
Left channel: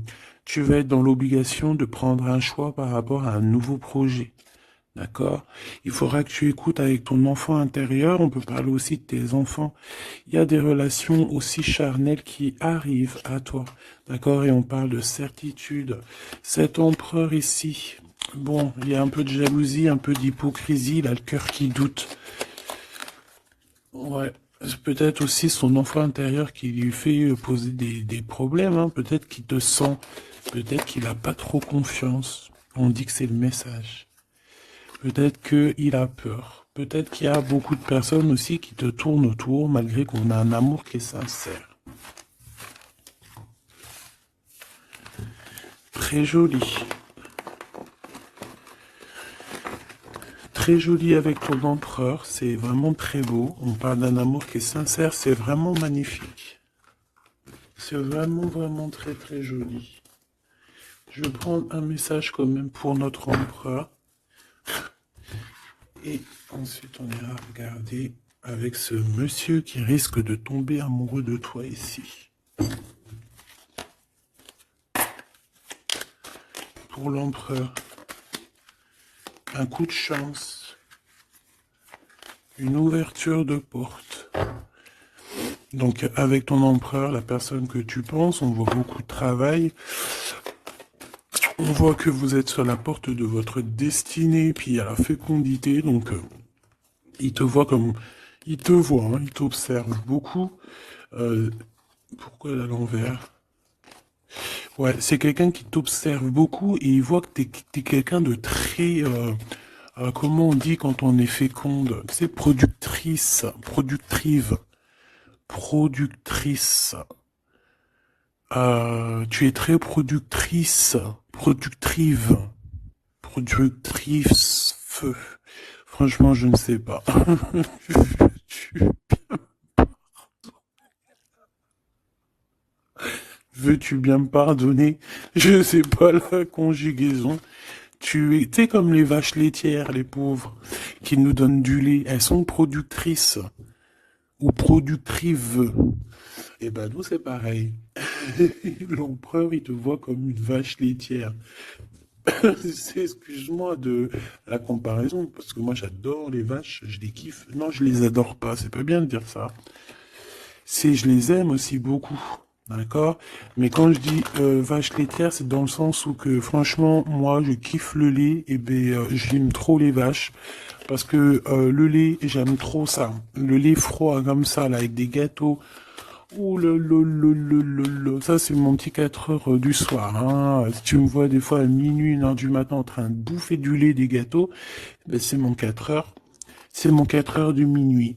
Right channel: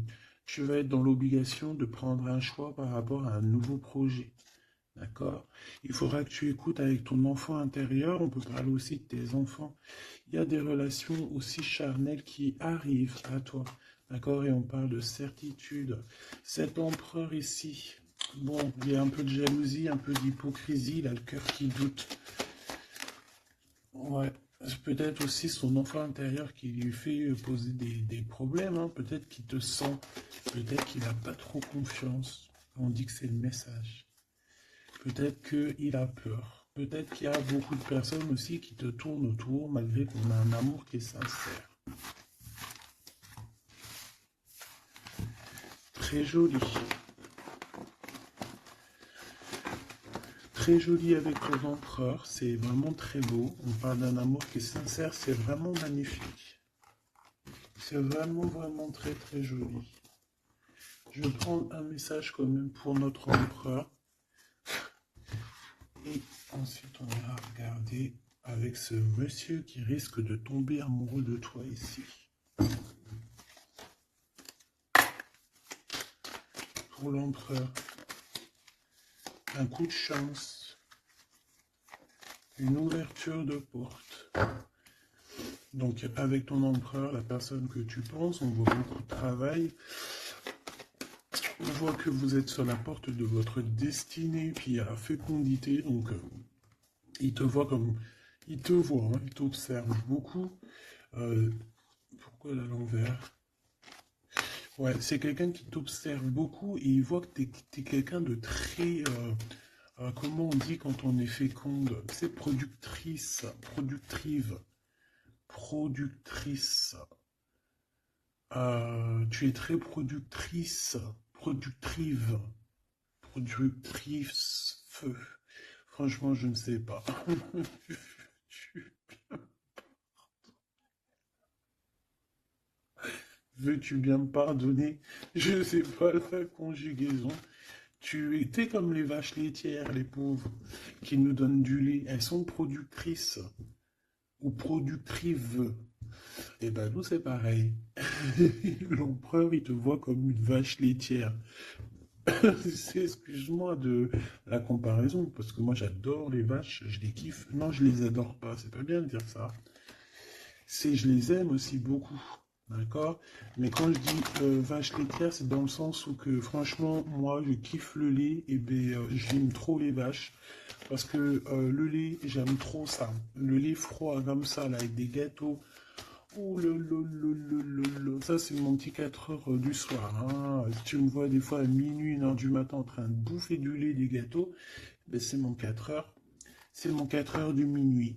tu vas être dans l'obligation de prendre un choix par rapport à un nouveau projet. D'accord? Il faudra que tu écoutes avec ton enfant intérieur. On peut parler aussi de tes enfants. Il y a des relations aussi charnelles qui arrivent à toi. D'accord? Et on parle de certitude. Cet empereur ici, bon, il y a un peu de jalousie, un peu d'hypocrisie, il a le cœur qui doute. Ouais. C'est peut-être aussi son enfant intérieur qui lui fait poser des problèmes, hein. Peut-être qu'il te sent, peut-être qu'il n'a pas trop confiance. On dit que c'est le message. Peut-être qu'il a peur. Peut-être qu'il y a beaucoup de personnes aussi qui te tournent autour malgré qu'on a un amour qui est sincère. Très joli. Très joli avec ton empereur. C'est vraiment très beau. On parle d'un amour qui est sincère. C'est vraiment magnifique. C'est vraiment, vraiment très, très joli. Je vais prendre un message quand même pour notre empereur. Et ensuite, on ira regarder avec ce monsieur qui risque de tomber amoureux de toi ici. Pour l'empereur, un coup de chance, une ouverture de porte. Donc avec ton empereur, la personne que tu penses, on voit beaucoup de travail. On voit que vous êtes sur la porte de votre destinée, puis il y a la fécondité, donc il te voit comme... Il te voit, hein, il t'observe beaucoup. Pourquoi elle est à l'envers? Ouais, c'est quelqu'un qui t'observe beaucoup et il voit que t'es quelqu'un de très... comment on dit quand on est féconde? C'est productrice, productive, productrice. Tu es très productrice, productive, productrice, feu. Franchement, je ne sais pas. Tu- Veux-tu bien me pardonner? Je ne sais pas la conjugaison. Tu es comme les vaches laitières, les pauvres, qui nous donnent du lait. Elles sont productrices ou productrives. Eh ben, nous, c'est pareil. L'empereur, il te voit comme une vache laitière. Excuse-moi de la comparaison, parce que moi, j'adore les vaches, je les kiffe. Non, je les adore pas, c'est pas bien de dire ça. C'est, je les aime aussi beaucoup. D'accord? Mais quand je dis vache laitière, c'est dans le sens où que franchement, moi, je kiffe le lait et ben j'aime trop les vaches parce que le lait, j'aime trop ça. Le lait froid comme ça, là, avec des gâteaux. Oh ça c'est mon petit 4 heures du soir, hein. Si tu me vois des fois à minuit, 1 heure du matin en train de bouffer du lait, des gâteaux, ben, c'est mon 4 heures. C'est mon 4 heures du minuit.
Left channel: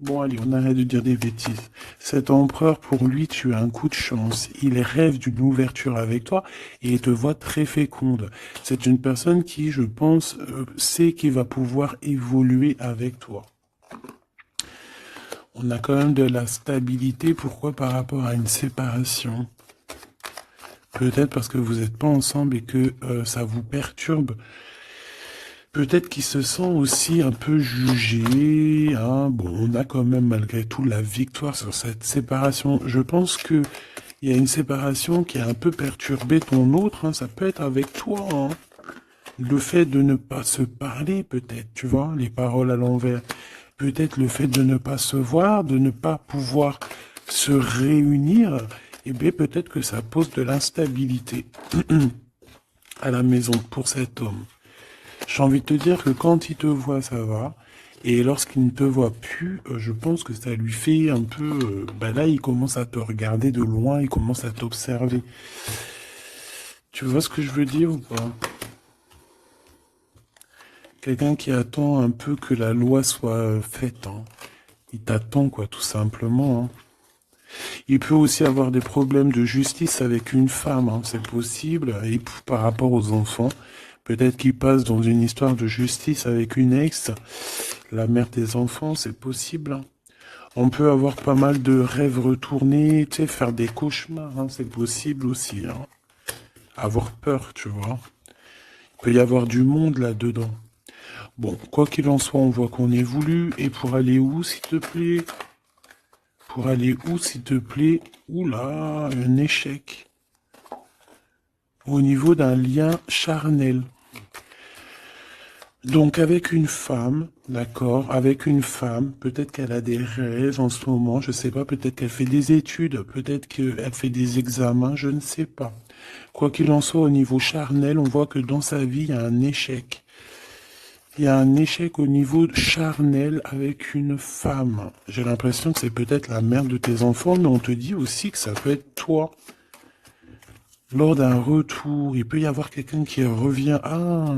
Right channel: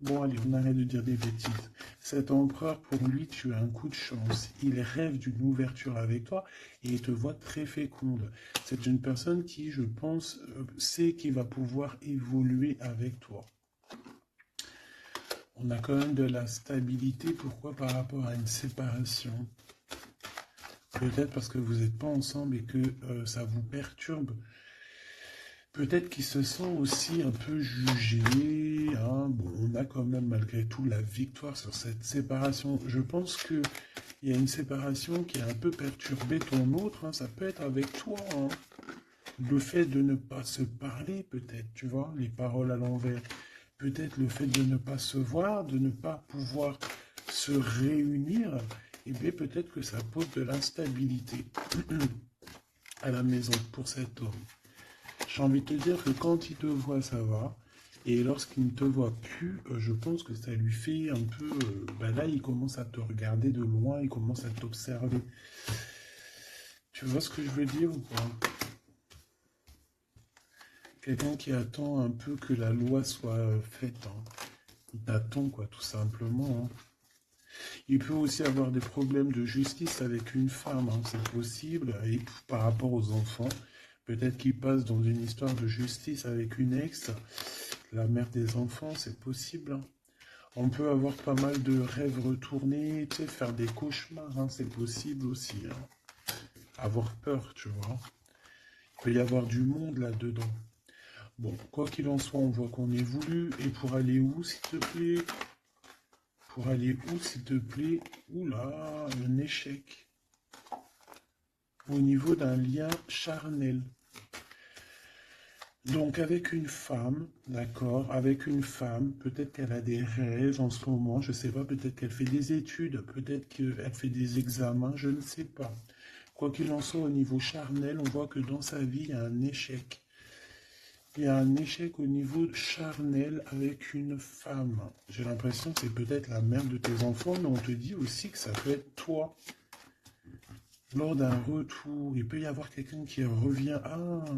Bon, allez, on arrête de dire des bêtises. Cet empereur, pour lui, tu as un coup de chance. Il rêve d'une ouverture avec toi et il te voit très féconde. C'est une personne qui, je pense, sait qu'il va pouvoir évoluer avec toi. On a quand même de la stabilité. Pourquoi? Par rapport à une séparation. Peut-être parce que vous n'êtes pas ensemble et que ça vous perturbe. Peut-être qu'il se sent aussi un peu jugé, hein. Bon, on a quand même malgré tout la victoire sur cette séparation. Je pense que il y a une séparation qui a un peu perturbé ton autre, hein. Ça peut être avec toi, hein. Le fait de ne pas se parler, peut-être, tu vois, les paroles à l'envers. Peut-être le fait de ne pas se voir, de ne pas pouvoir se réunir, eh bien, peut-être que ça pose de l'instabilité à la maison pour cet homme. J'ai envie de te dire que quand il te voit, ça va. Et lorsqu'il ne te voit plus, je pense que ça lui fait un peu... bah là, il commence à te regarder de loin, il commence à t'observer. Tu vois ce que je veux dire ou pas? Quelqu'un qui attend un peu que la loi soit faite, hein. Il t'attend, quoi, tout simplement, hein. Il peut aussi avoir des problèmes de justice avec une femme, hein, c'est possible. Et par rapport aux enfants, peut-être qu'il passe dans une histoire de justice avec une ex, la mère des enfants, c'est possible, hein. On peut avoir pas mal de rêves retournés, tu sais, faire des cauchemars, hein, c'est possible aussi, hein. Avoir peur, tu vois. Il peut y avoir du monde là-dedans. Bon, quoi qu'il en soit, on voit qu'on évolue. Et pour aller où, s'il te plaît? Pour aller où, s'il te plaît? Oula, un échec. Au niveau d'un lien charnel. Donc avec une femme, d'accord, avec une femme, peut-être qu'elle a des rêves en ce moment, je sais pas, peut-être qu'elle fait des études, peut-être qu'elle fait des examens, je ne sais pas. Quoi qu'il en soit, au niveau charnel, on voit que dans sa vie, il y a un échec. Il y a un échec au niveau charnel avec une femme. J'ai l'impression que c'est peut-être la mère de tes enfants, mais on te dit aussi que ça peut être toi. Lors d'un retour, il peut y avoir quelqu'un qui revient. Ah,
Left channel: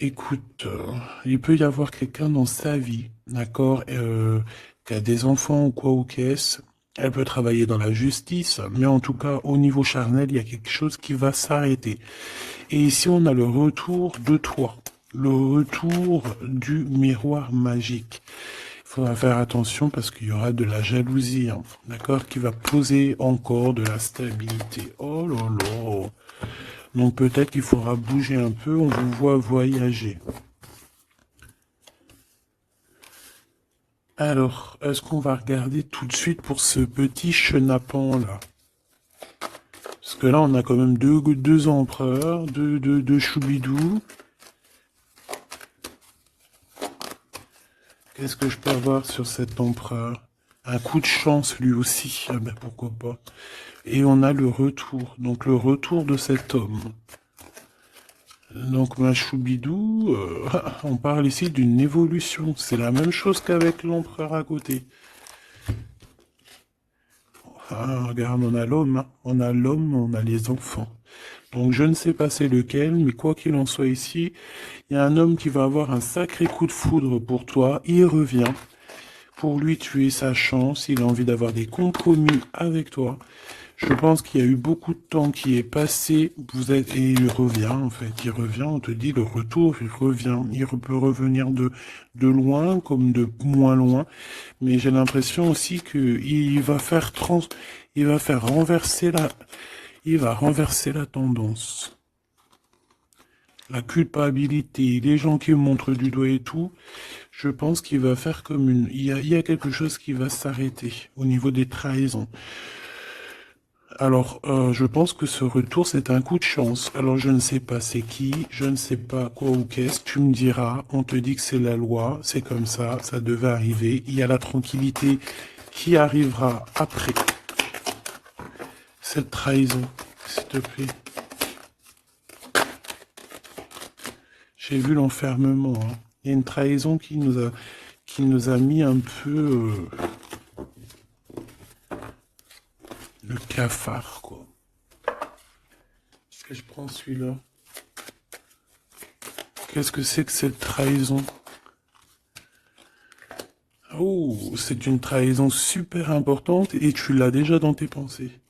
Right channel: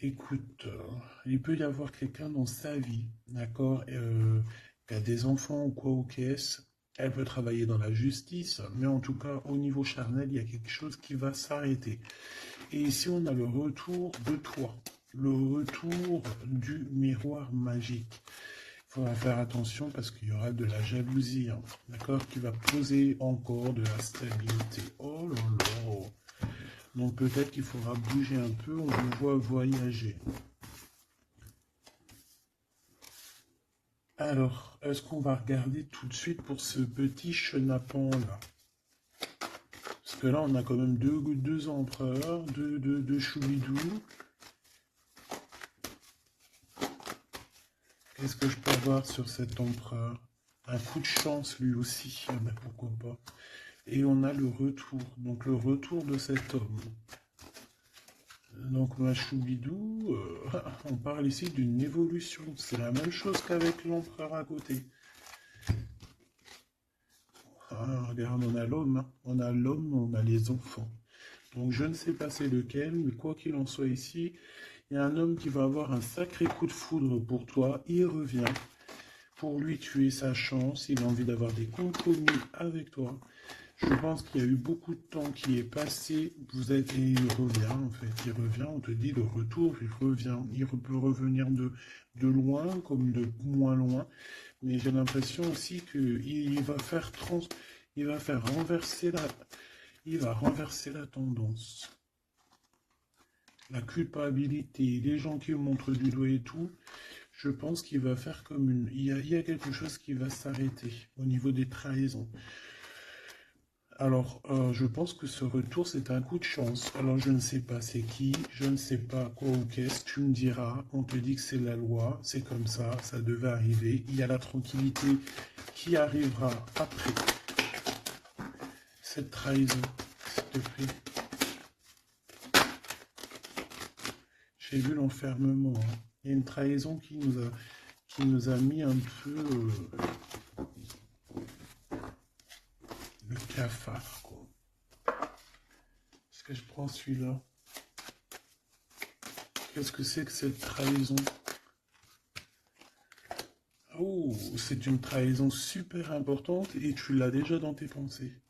écoute, il peut y avoir quelqu'un dans sa vie, d'accord, qui a des enfants ou quoi ou qu'est-ce. Elle peut travailler dans la justice, mais en tout cas, au niveau charnel, il y a quelque chose qui va s'arrêter. Et ici, on a le retour de toi, le retour du miroir magique. Il faudra faire attention parce qu'il y aura de la jalousie, hein, d'accord, qui va poser encore de la stabilité. Oh là là. Donc peut-être qu'il faudra bouger un peu, on vous voit voyager. Alors, est-ce qu'on va regarder tout de suite pour ce petit chenapan là? Parce que là, on a quand même deux empereurs, deux choubidous. Qu'est-ce que je peux avoir sur cet empereur? Un coup de chance lui aussi, ah ben pourquoi pas. Et on a le retour, donc le retour de cet homme. Donc ma choubidou, on parle ici d'une évolution. C'est la même chose qu'avec l'empereur à côté. Ah, regarde, on a l'homme, hein. On a l'homme, on a les enfants. Donc je ne sais pas c'est lequel, mais quoi qu'il en soit ici, il y a un homme qui va avoir un sacré coup de foudre pour toi. Il revient. Pour lui, tu es sa chance. Il a envie d'avoir des compromis avec toi. Je pense qu'il y a eu beaucoup de temps qui est passé. Et il revient, en fait. Il revient, on te dit le retour, il revient. Il peut revenir de loin comme de moins loin. Mais j'ai l'impression aussi qu'il va faire il va faire renverser il va renverser la tendance. La culpabilité, les gens qui montrent du doigt et tout, je pense qu'il va faire comme une... il y a quelque chose qui va s'arrêter au niveau des trahisons. Alors, je pense que ce retour, c'est un coup de chance. Alors, je ne sais pas c'est qui, je ne sais pas quoi ou qu'est-ce, tu me diras, on te dit que c'est la loi, c'est comme ça devait arriver. Il y a la tranquillité qui arrivera après cette trahison, s'il te plaît. J'ai vu l'enfermement, hein. Il y a une trahison qui nous a mis un peu le cafard, quoi. Est-ce que je prends celui-là? Qu'est-ce que c'est que cette trahison? Oh, c'est une trahison super importante et tu l'as déjà dans tes pensées.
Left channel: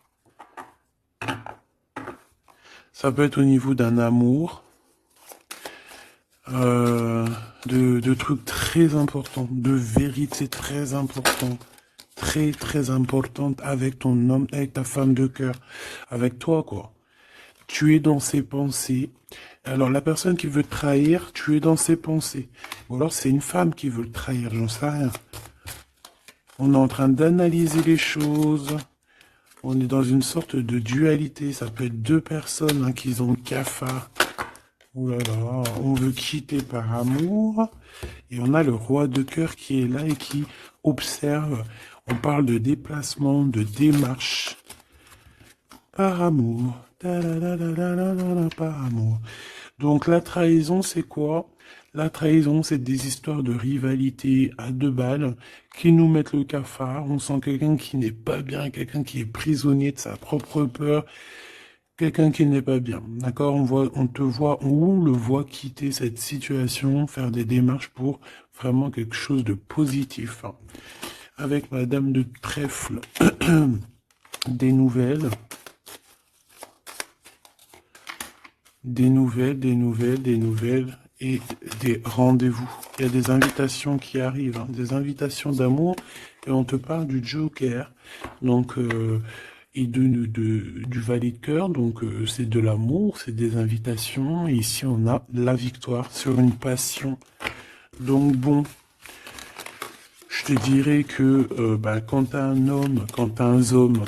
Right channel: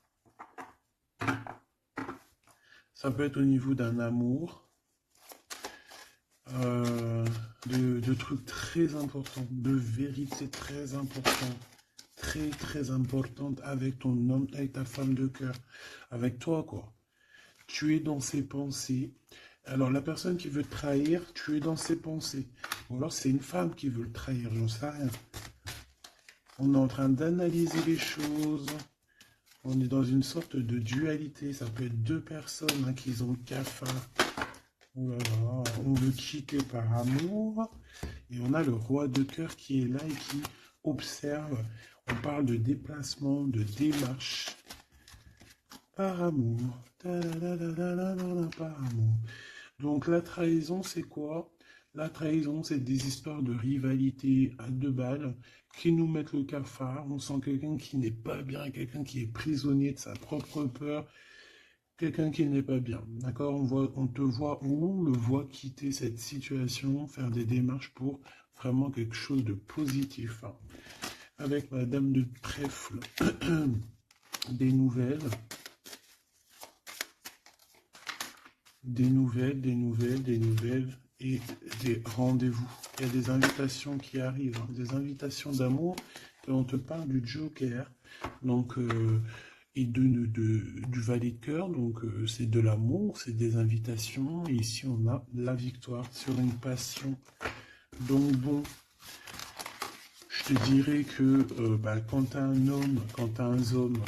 Ça peut être au niveau d'un amour, de trucs très importants, de vérité très importante, très importante avec ton homme, avec ta femme de cœur, avec toi, quoi. Tu es dans ses pensées. Alors, la personne qui veut te trahir, tu es dans ses pensées. Ou alors, c'est une femme qui veut le trahir, j'en sais rien. On est en train d'analyser les choses. On est dans une sorte de dualité. Ça peut être deux personnes, hein, qui ont le cafard. Oh là là, on veut quitter par amour. Et on a le roi de cœur qui est là et qui observe. On parle de déplacement, de démarche. Par amour. Ta-la-la-la-la-la-la, par amour. Donc la trahison, c'est quoi? La trahison, c'est des histoires de rivalité à deux balles qui nous mettent le cafard. On sent quelqu'un qui n'est pas bien, quelqu'un qui est prisonnier de sa propre peur, quelqu'un qui n'est pas bien. D'accord? On te voit, on le voit quitter cette situation, faire des démarches pour vraiment quelque chose de positif. Avec Madame de Trèfle, des nouvelles. Des nouvelles, des nouvelles, des nouvelles et des rendez-vous. Il y a des invitations qui arrivent, hein, des invitations d'amour, et on te parle du Joker, donc, et du valet de cœur, donc c'est de l'amour, c'est des invitations, et ici on a la victoire sur une passion. Donc bon, je te dirais que quand t'as un homme, quand t'as un homme,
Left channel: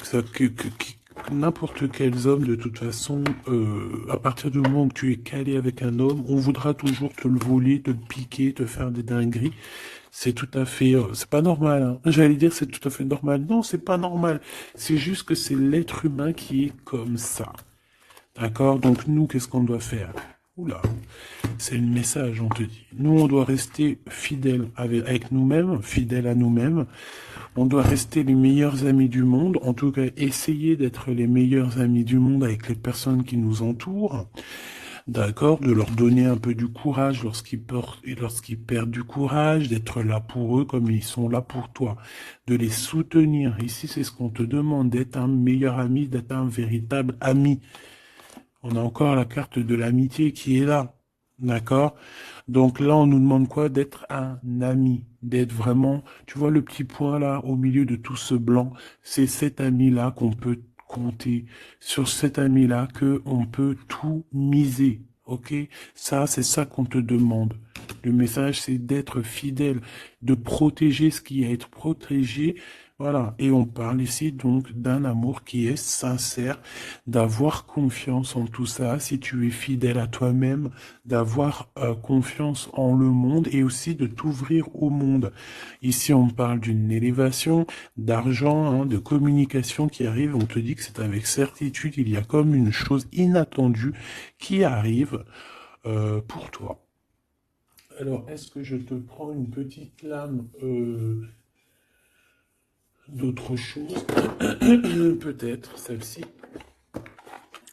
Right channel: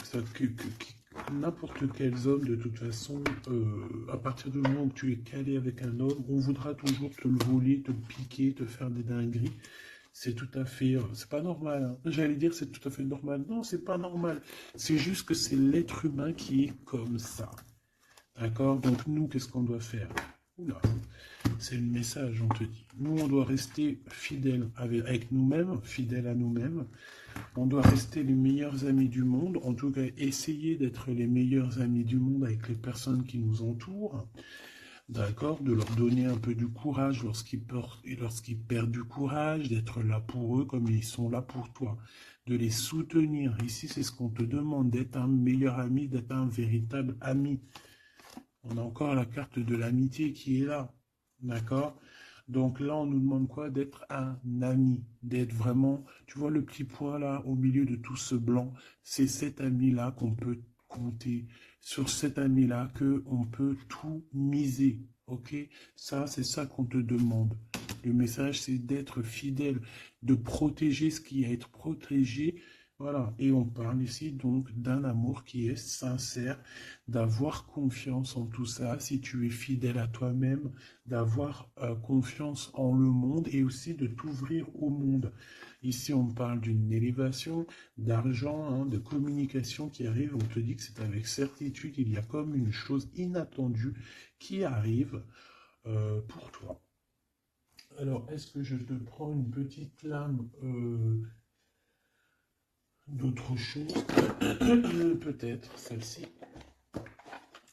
n'importe quel homme, de toute façon, à partir du moment où tu es calé avec un homme, on voudra toujours te le voler, te le piquer, te faire des dingueries. C'est tout à fait, c'est pas normal, hein. J'allais dire c'est tout à fait normal. Non, c'est pas normal. C'est juste que c'est l'être humain qui est comme ça. D'accord? Donc nous, qu'est-ce qu'on doit faire? Oula, c'est le message, on te dit. Nous, on doit rester fidèles avec nous-mêmes, fidèles à nous-mêmes. On doit rester les meilleurs amis du monde, en tout cas essayer d'être les meilleurs amis du monde avec les personnes qui nous entourent, d'accord, de leur donner un peu du courage lorsqu'ils perdent du courage, d'être là pour eux comme ils sont là pour toi, de les soutenir. Ici, c'est ce qu'on te demande, d'être un meilleur ami, d'être un véritable ami. On a encore la carte de l'amitié qui est là, d'accord? Donc là, on nous demande quoi? D'être un ami, d'être vraiment, tu vois le petit point là, au milieu de tout ce blanc, c'est cet ami-là qu'on peut compter, sur cet ami-là que on peut tout miser, ok? Ça, c'est ça qu'on te demande. Le message, c'est d'être fidèle, de protéger ce qui est à être protégé. Voilà, et on parle ici donc d'un amour qui est sincère, d'avoir confiance en tout ça, si tu es fidèle à toi-même, d'avoir confiance en le monde et aussi de t'ouvrir au monde. Ici, on parle d'une élévation, d'argent, hein, de communication qui arrive. On te dit que c'est avec certitude, il y a comme une chose inattendue qui arrive pour toi. Alors, est-ce que je te prends une petite lame d'autre chose? Peut-être celle-ci.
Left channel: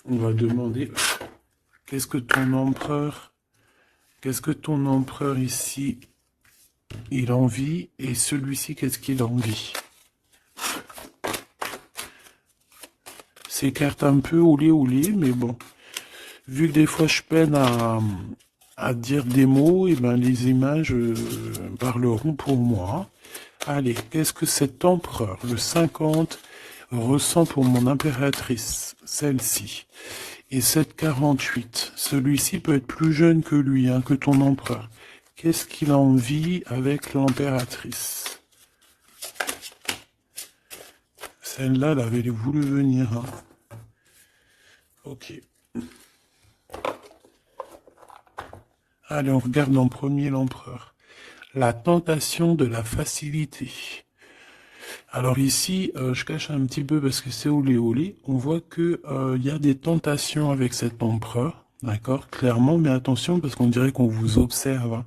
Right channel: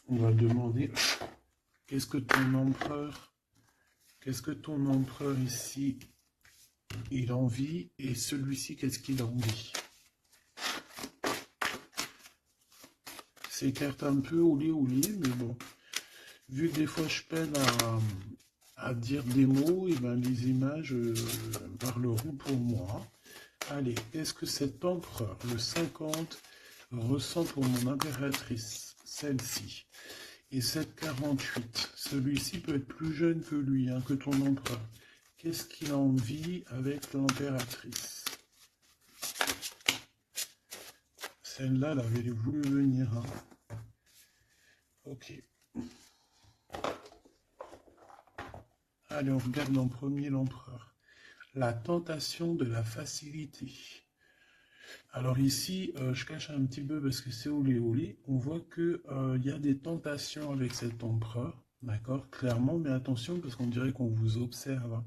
On va demander qu'est-ce que ton empereur ici, il envie, et celui-ci, qu'est-ce qu'il envie? C'est cartes un peu oulé, mais bon. Vu que des fois je peine à dire des mots, et ben les images parleront pour moi. Allez, qu'est-ce que cet empereur, le 50, ressent pour mon impératrice, celle-ci? Et 7,48. Celui-ci peut être plus jeune que lui, hein, que ton empereur. Qu'est-ce qu'il a envie avec l'impératrice? Celle-là, elle avait voulu venir, hein. Ok. Allez, on regarde en premier l'empereur. La tentation de la facilité. Alors ici, je cache un petit peu parce que c'est olé. On voit que y a des tentations avec cet empereur, d'accord, clairement, mais attention parce qu'on dirait qu'on vous observe, hein.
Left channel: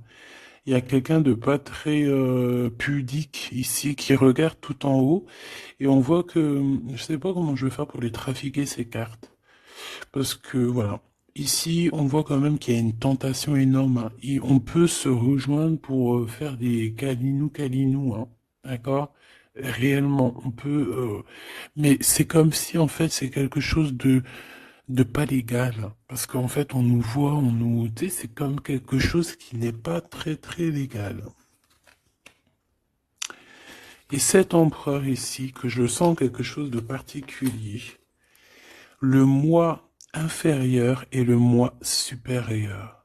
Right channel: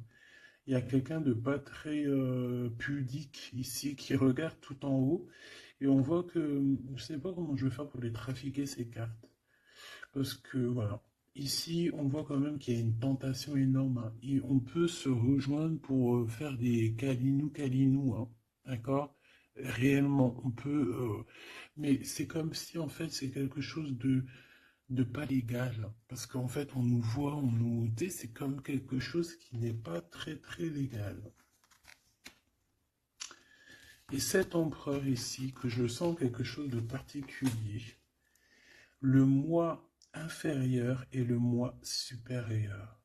Il y a quelqu'un de pas très pudique ici qui regarde tout en haut et on voit que je sais pas comment je vais faire pour les trafiquer ces cartes parce que voilà. Ici, on voit quand même qu'il y a une tentation énorme, hein, et on peut se rejoindre pour faire des câlinous, hein, d'accord? Réellement, on peut, mais c'est comme si en fait c'est quelque chose de pas légal, hein, parce qu'en fait on nous voit, tu sais, c'est comme quelque chose qui n'est pas très très légal. Et cet empereur ici, que je sens quelque chose de particulier, le moi inférieur et le moi supérieur.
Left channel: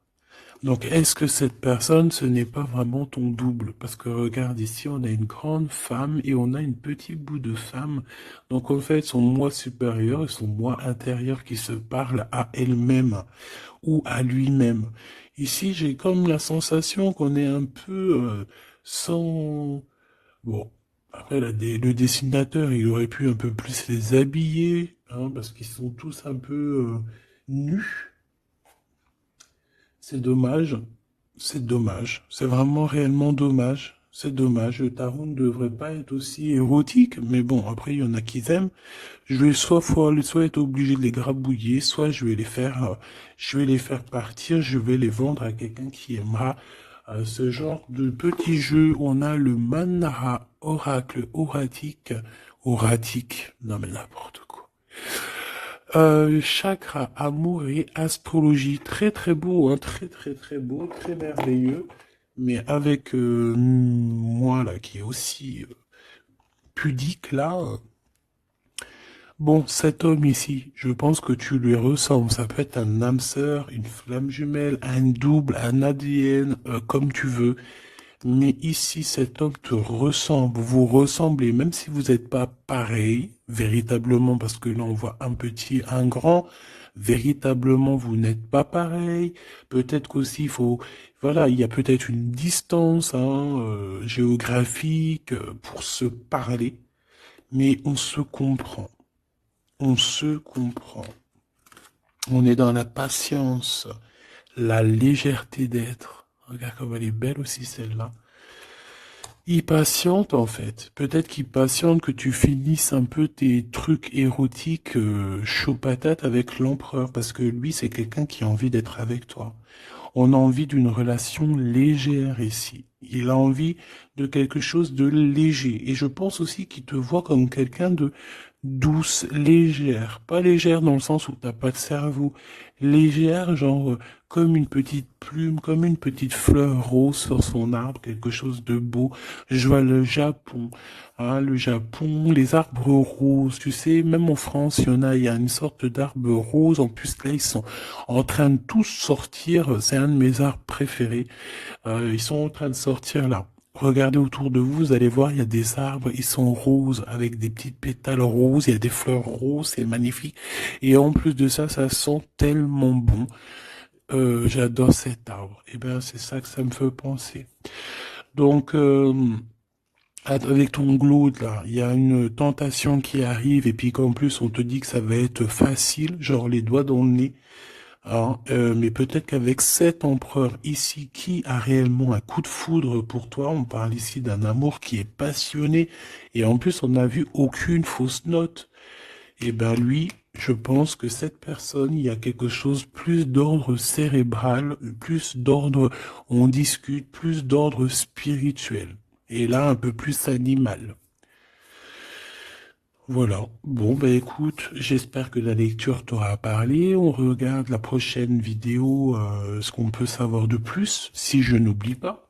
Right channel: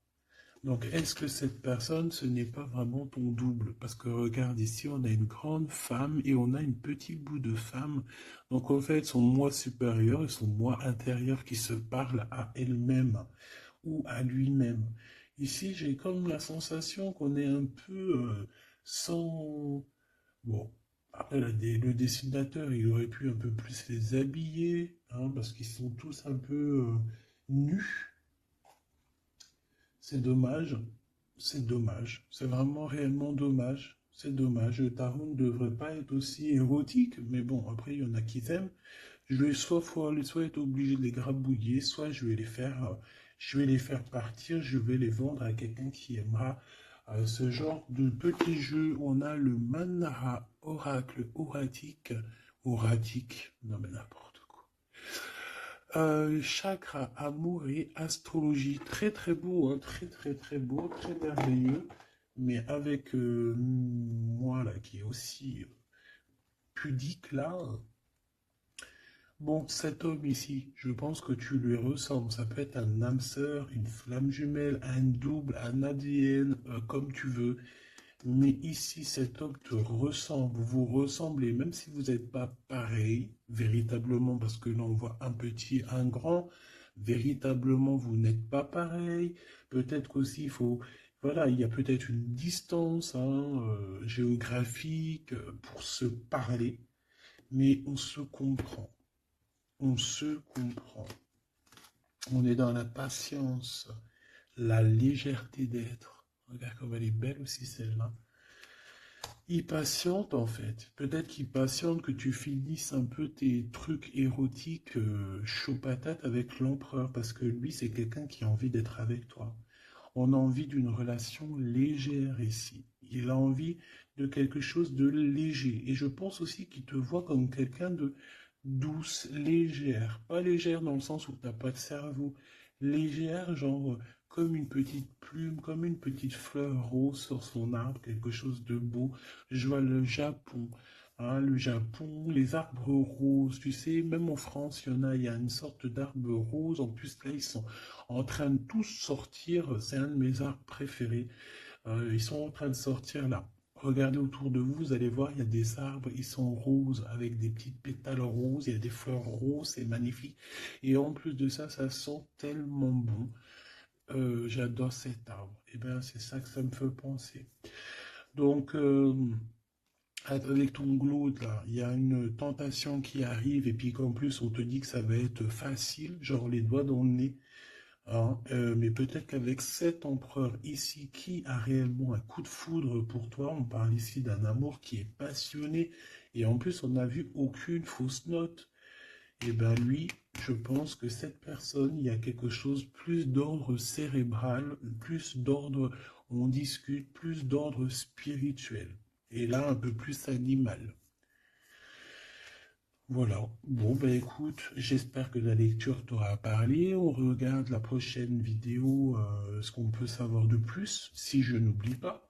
Donc, est-ce que cette personne, ce n'est pas vraiment ton double? Parce que regarde ici, on a une grande femme et on a une petite bout de femme. Donc, en fait, son moi supérieur et son moi intérieur qui se parlent à elle-même. ou à lui-même. Ici, j'ai comme la sensation qu'on est un peu sans... Bon, après, le dessinateur, il aurait pu un peu plus les habiller, hein, parce qu'ils sont tous un peu nus. C'est dommage. C'est dommage. C'est vraiment réellement dommage. C'est dommage. Le tarot ne devrait pas être aussi érotique, mais bon, après, il y en a qui aiment. Je vais soit être obligé de les grabouiller, soit je vais les faire partir, je vais les vendre à quelqu'un qui aimera ce genre de petit jeu. On a le Manara Oracle Oratique, non mais n'importe quoi. Chakra, amour et astrologie, très très beau, hein, très très très beau, très merveilleux, mais avec moi là qui est aussi pudique là. Bon, cet homme ici, je pense que tu lui ressembles. Ça peut être un âme sœur, une flamme jumelle, un double, un ADN, comme tu veux. Mais ici, cet homme te ressemble, vous ressemblez, même si vous n'êtes pas pareil, véritablement, parce que là, on voit un petit, un grand. Véritablement, vous n'êtes pas pareil. Peut-être qu'aussi, il faut, voilà, il y a peut-être une distance, hein, géographique, pour se parler. Mais on se comprend. On se comprend. On est dans la patience, la légèreté d'être. Regarde comme elle est belle aussi celle-là. Il patiente en fait. Peut-être qu'il patiente que tu finisses un peu tes trucs érotiques chaud patate avec l'empereur. Parce que lui, c'est quelqu'un qui a envie d'être avec toi. On a envie d'une relation légère ici. Il a envie de quelque chose de léger. Et je pense aussi qu'il te voit comme quelqu'un de douce, légère. Pas légère dans le sens où t'as pas de cerveau. Légère, genre comme une petite plume, comme une petite fleur rose sur son arbre, quelque chose de beau. Je vois le Japon. Hein, le Japon, les arbres roses, tu sais, même en France, il y a une sorte d'arbre rose. En plus, là, ils sont en train de tous sortir. C'est un de mes arbres préférés. Ils sont en train de sortir là. Regardez autour de vous, vous allez voir, il y a des arbres, ils sont roses, avec des petites pétales roses, il y a des fleurs roses, c'est magnifique. Et en plus de ça, ça sent tellement bon. J'adore cet arbre. Et bien, c'est ça que ça me fait penser. Donc, avec ton glaude là, il y a une tentation qui arrive, et puis qu'en plus, on te dit que ça va être facile, genre les doigts dans le nez. Alors, mais peut-être qu'avec cet empereur ici qui a réellement un coup de foudre pour toi, on parle ici d'un amour qui est passionné et en plus on n'a vu aucune fausse note. Et ben lui, je pense que cette personne, il y a quelque chose plus d'ordre cérébral, plus d'ordre, on discute, plus d'ordre spirituel. Et là, un peu plus animal. Voilà. Bon, ben écoute, j'espère que la lecture t'aura parlé. On regarde la prochaine vidéo, ce qu'on peut savoir de plus, si je n'oublie pas.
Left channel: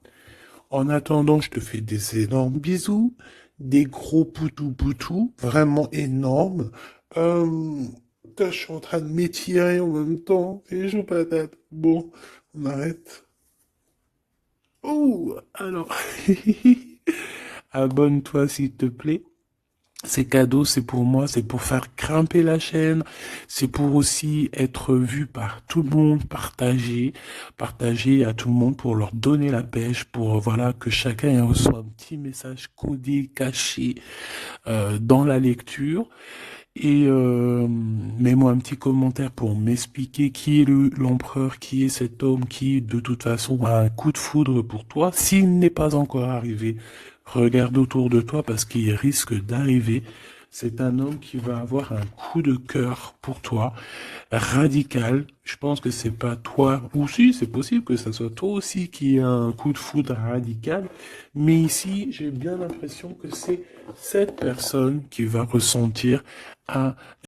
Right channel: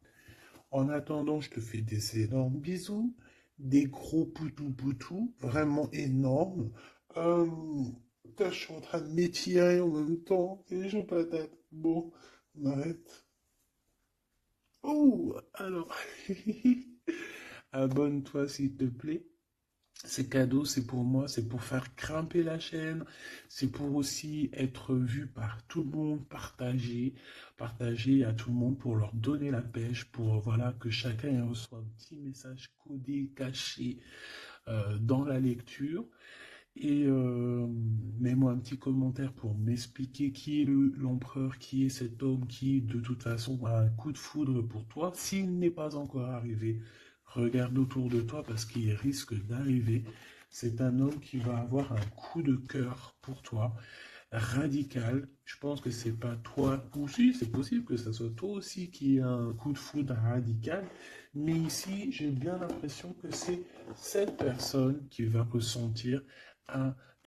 En attendant, je te fais des énormes bisous, des gros poutous, vraiment énormes. Euh, je suis en train de m'étirer en même temps, et je patate. Bon, on arrête. Oh, alors, abonne-toi s'il te plaît. C'est cadeau, c'est pour moi, c'est pour faire grimper la chaîne, c'est pour aussi être vu par tout le monde, partager à tout le monde pour leur donner la pêche, pour voilà que chacun reçoit un petit message codé, caché dans la lecture. Et mets-moi un petit commentaire pour m'expliquer qui est l'empereur, qui est cet homme qui, de toute façon, a un coup de foudre pour toi. S'il n'est pas encore arrivé, regarde autour de toi parce qu'il risque d'arriver. C'est un homme qui va avoir un coup de cœur pour toi, radical. Je pense que c'est pas toi, ou si, c'est possible que ça soit toi aussi qui a un coup de foudre radical. Mais ici, j'ai bien l'impression que c'est cette personne qui va ressentir un